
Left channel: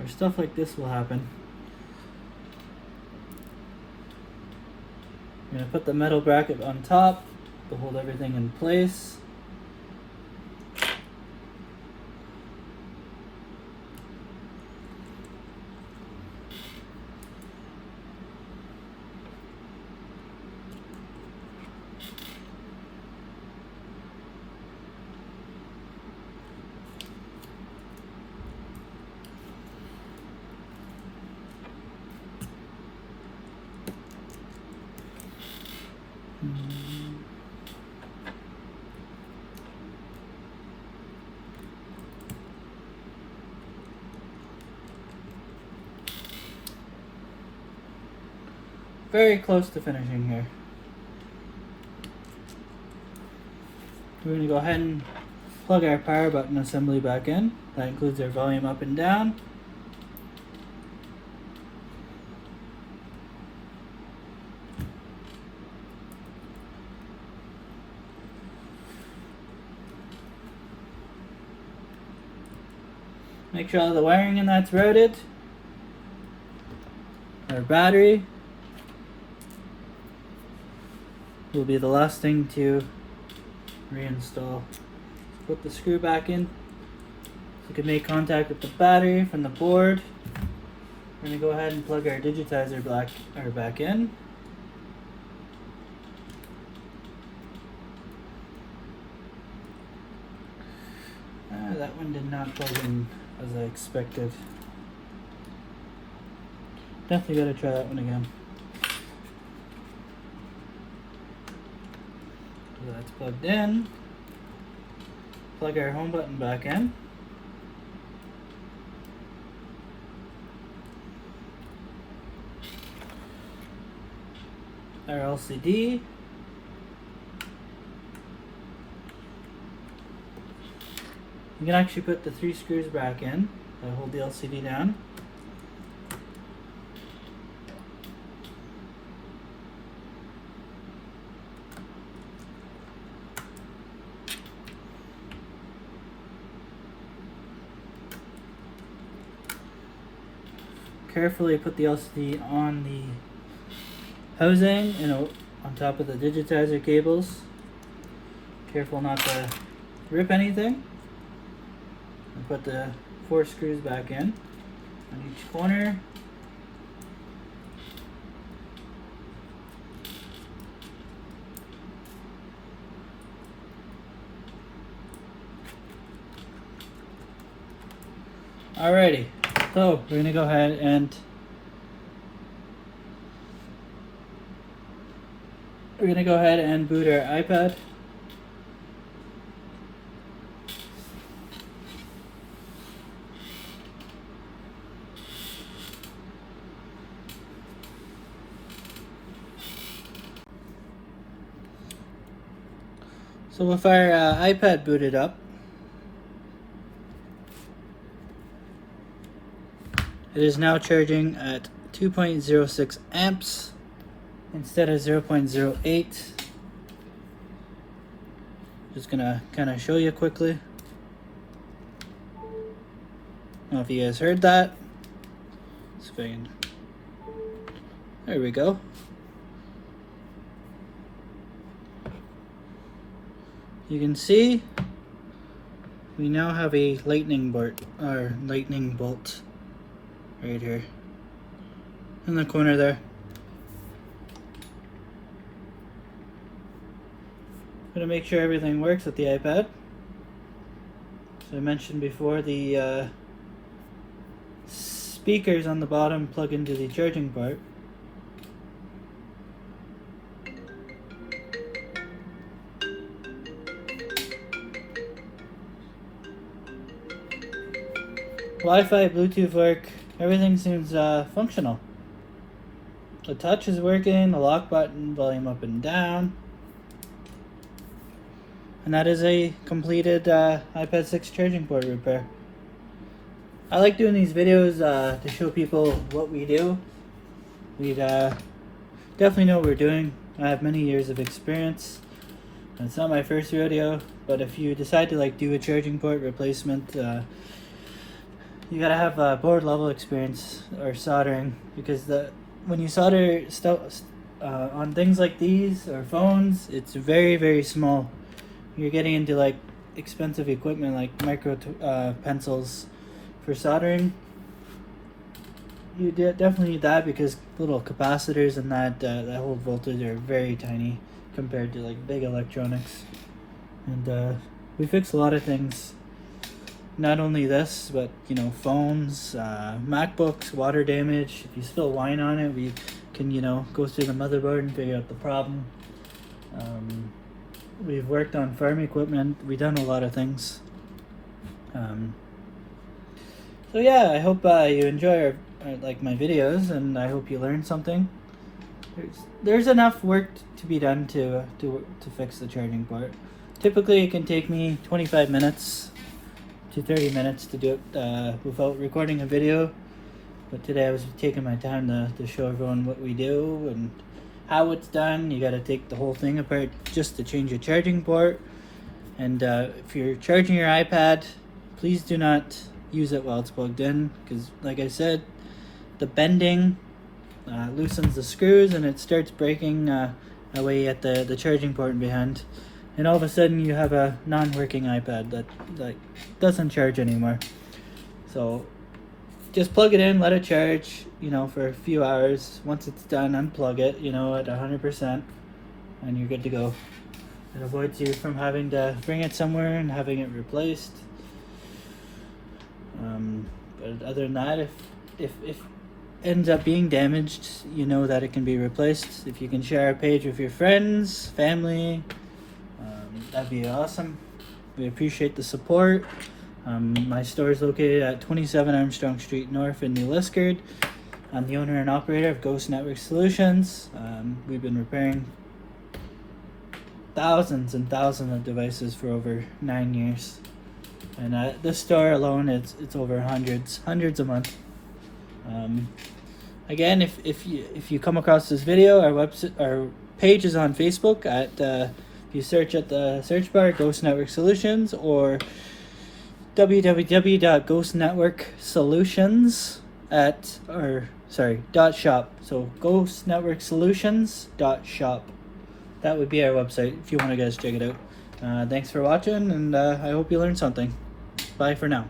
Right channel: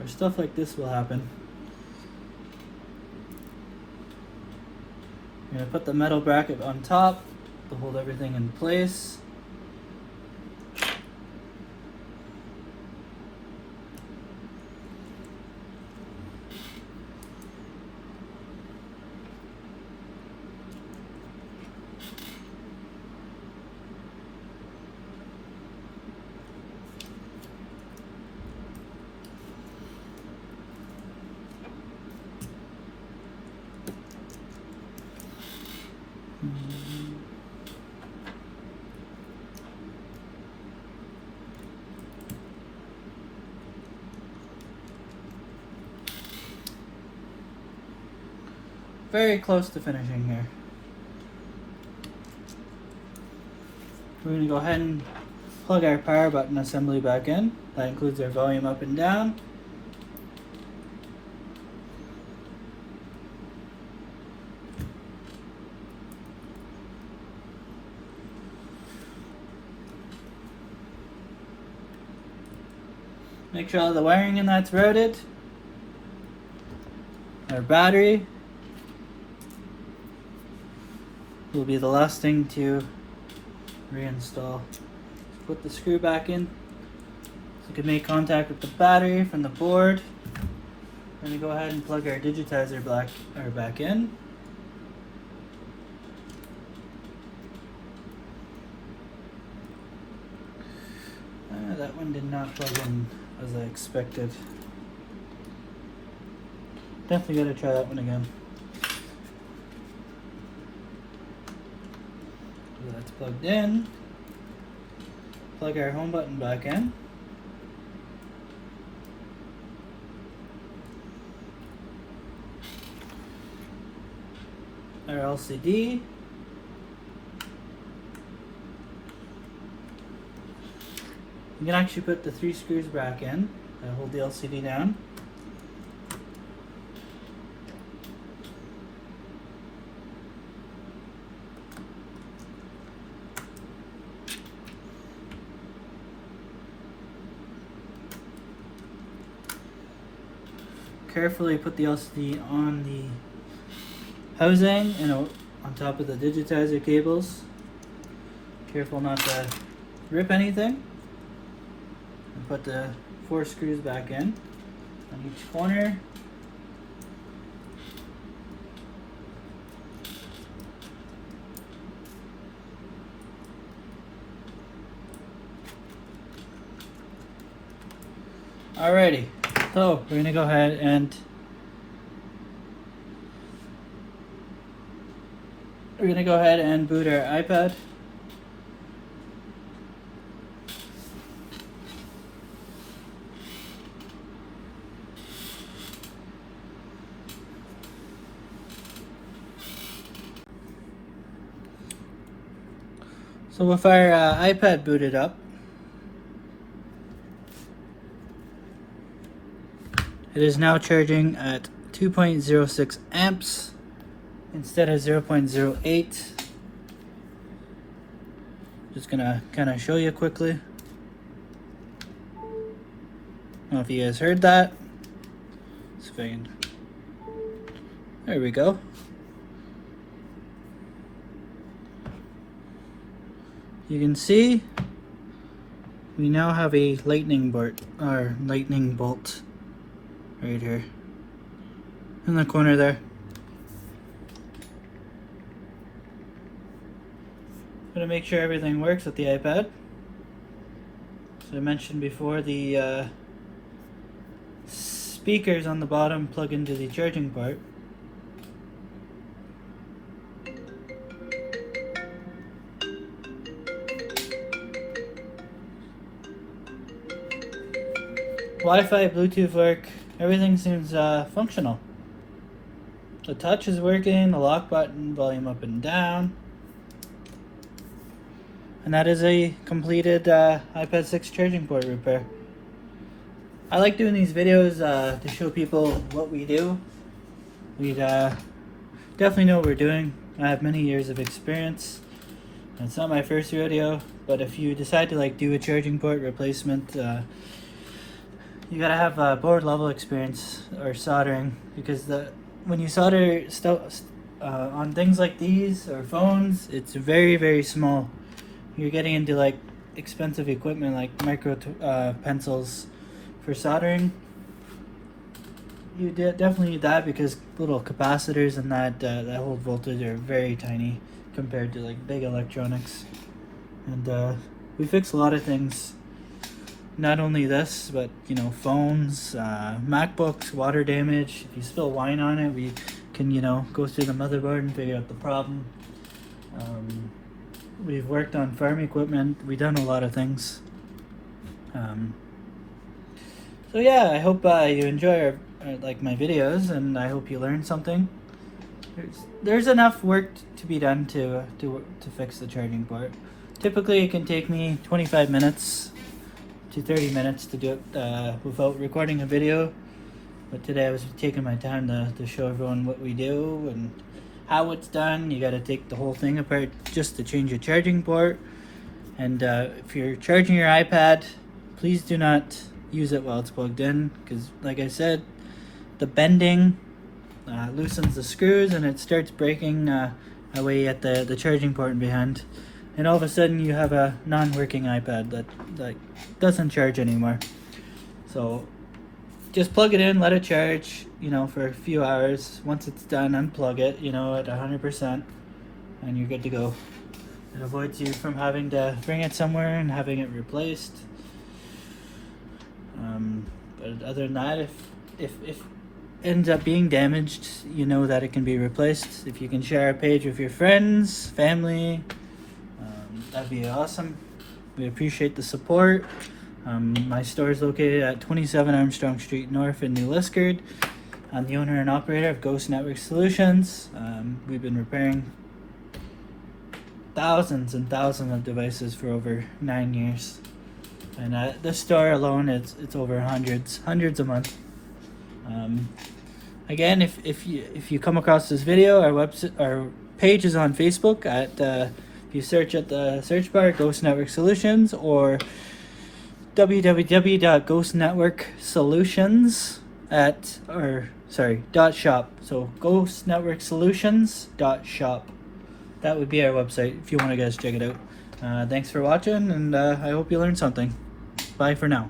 or stuff like this will happen. I'm gonna put the metal bracket on top to hold everything in place. Very close to finishing here. We're going to go ahead and plug our power button assembly back in. That includes our volume up and down. Make sure all the wiring in that's routed. Our battery will be the last thing to reinstall. Put the screw back in so you can make contact with the battery from the board. We're going to go ahead and plug our digitizer back in. That one did not plug in as I expected. Definitely gotta try that one again. So that's plugged in. Plug our home button back in. Our LCD. You can actually put the 3 screws back in that hold the LCD down. Carefully put the LCD on the housing and on top of the digitizer cables. Careful not to rip anything. And put the 4 screws back in on each corner. Alrighty, so we're gonna go ahead and boot our iPad. So with our iPad booted up, it is now charging at 2.06 amps instead of 0.08. Just gonna kind of show you quickly. I don't know if you guys heard that. So if I can, there we go. You can see we now have a lightning bolt right here in the corner there. I'm gonna make sure everything works with the iPad. As I mentioned before, the speakers on the bottom plug into the charging port. Wi-Fi, Bluetooth work, everything seems functional. The touch is working, the lock button, volume up and down. And that is a completed iPad 6 charging port repair. I like doing these videos to show people what we do. We definitely know what we're doing. I have many years of experience. It's not my first rodeo, but if you decide to do a charging port replacement, you gotta have board level experience or soldering, because when you solder stuff on things like these or phones, it's very, very small. You're getting into expensive equipment like micro pencils for soldering. You definitely need that, because little capacitors and that low voltage are very tiny compared to big electronics. And we fix a lot of things. Not only this, but phones, MacBooks, water damage. If you spill wine on it, we can go through the motherboard and figure out the problem. We've worked on farm equipment. We've done a lot of things. So yeah, I hope you enjoy like my videos, and I hope you learn something. There's enough work to be done to fix the charging port. Typically, it can take me 25 minutes to 30 minutes to do it without recording a video. But today I was taking my time to show everyone what we do and how it's done. You gotta take the whole thing apart just to change your charging port. And if you're charging your iPad, please do not use it while it's plugged in, because like I said, the bending loosens the screws and it starts breaking away at the charging port behind. And all of a sudden you have a non-working iPad that doesn't charge anymore. So just plug it in, let it charge, for a few hours. Once it's done, unplug it, at 100%, and you're good to go. It avoids you from having to bring it somewhere and having it replaced. But other than that, if it ends up being damaged, you know that it can be replaced. If you can share our page with your friends, family, that'd be awesome. We appreciate the support. My store is located at 27 Armstrong Street North in New Liskeard. I'm the owner and operator of Ghost Network Solutions. We've been repairing thousands and thousands of devices for over 9 years. And at this store alone, it's over hundreds a month. Again, if you come across this video, our page is on Facebook at if you search at the search bar Ghost Network Solutions, or www.ghostnetworksolutions .shop. So ghostnetworksolutions.shop. That would be our website if you want to guys check it out. Thanks for watching, and I hope you learned something. Bye for now.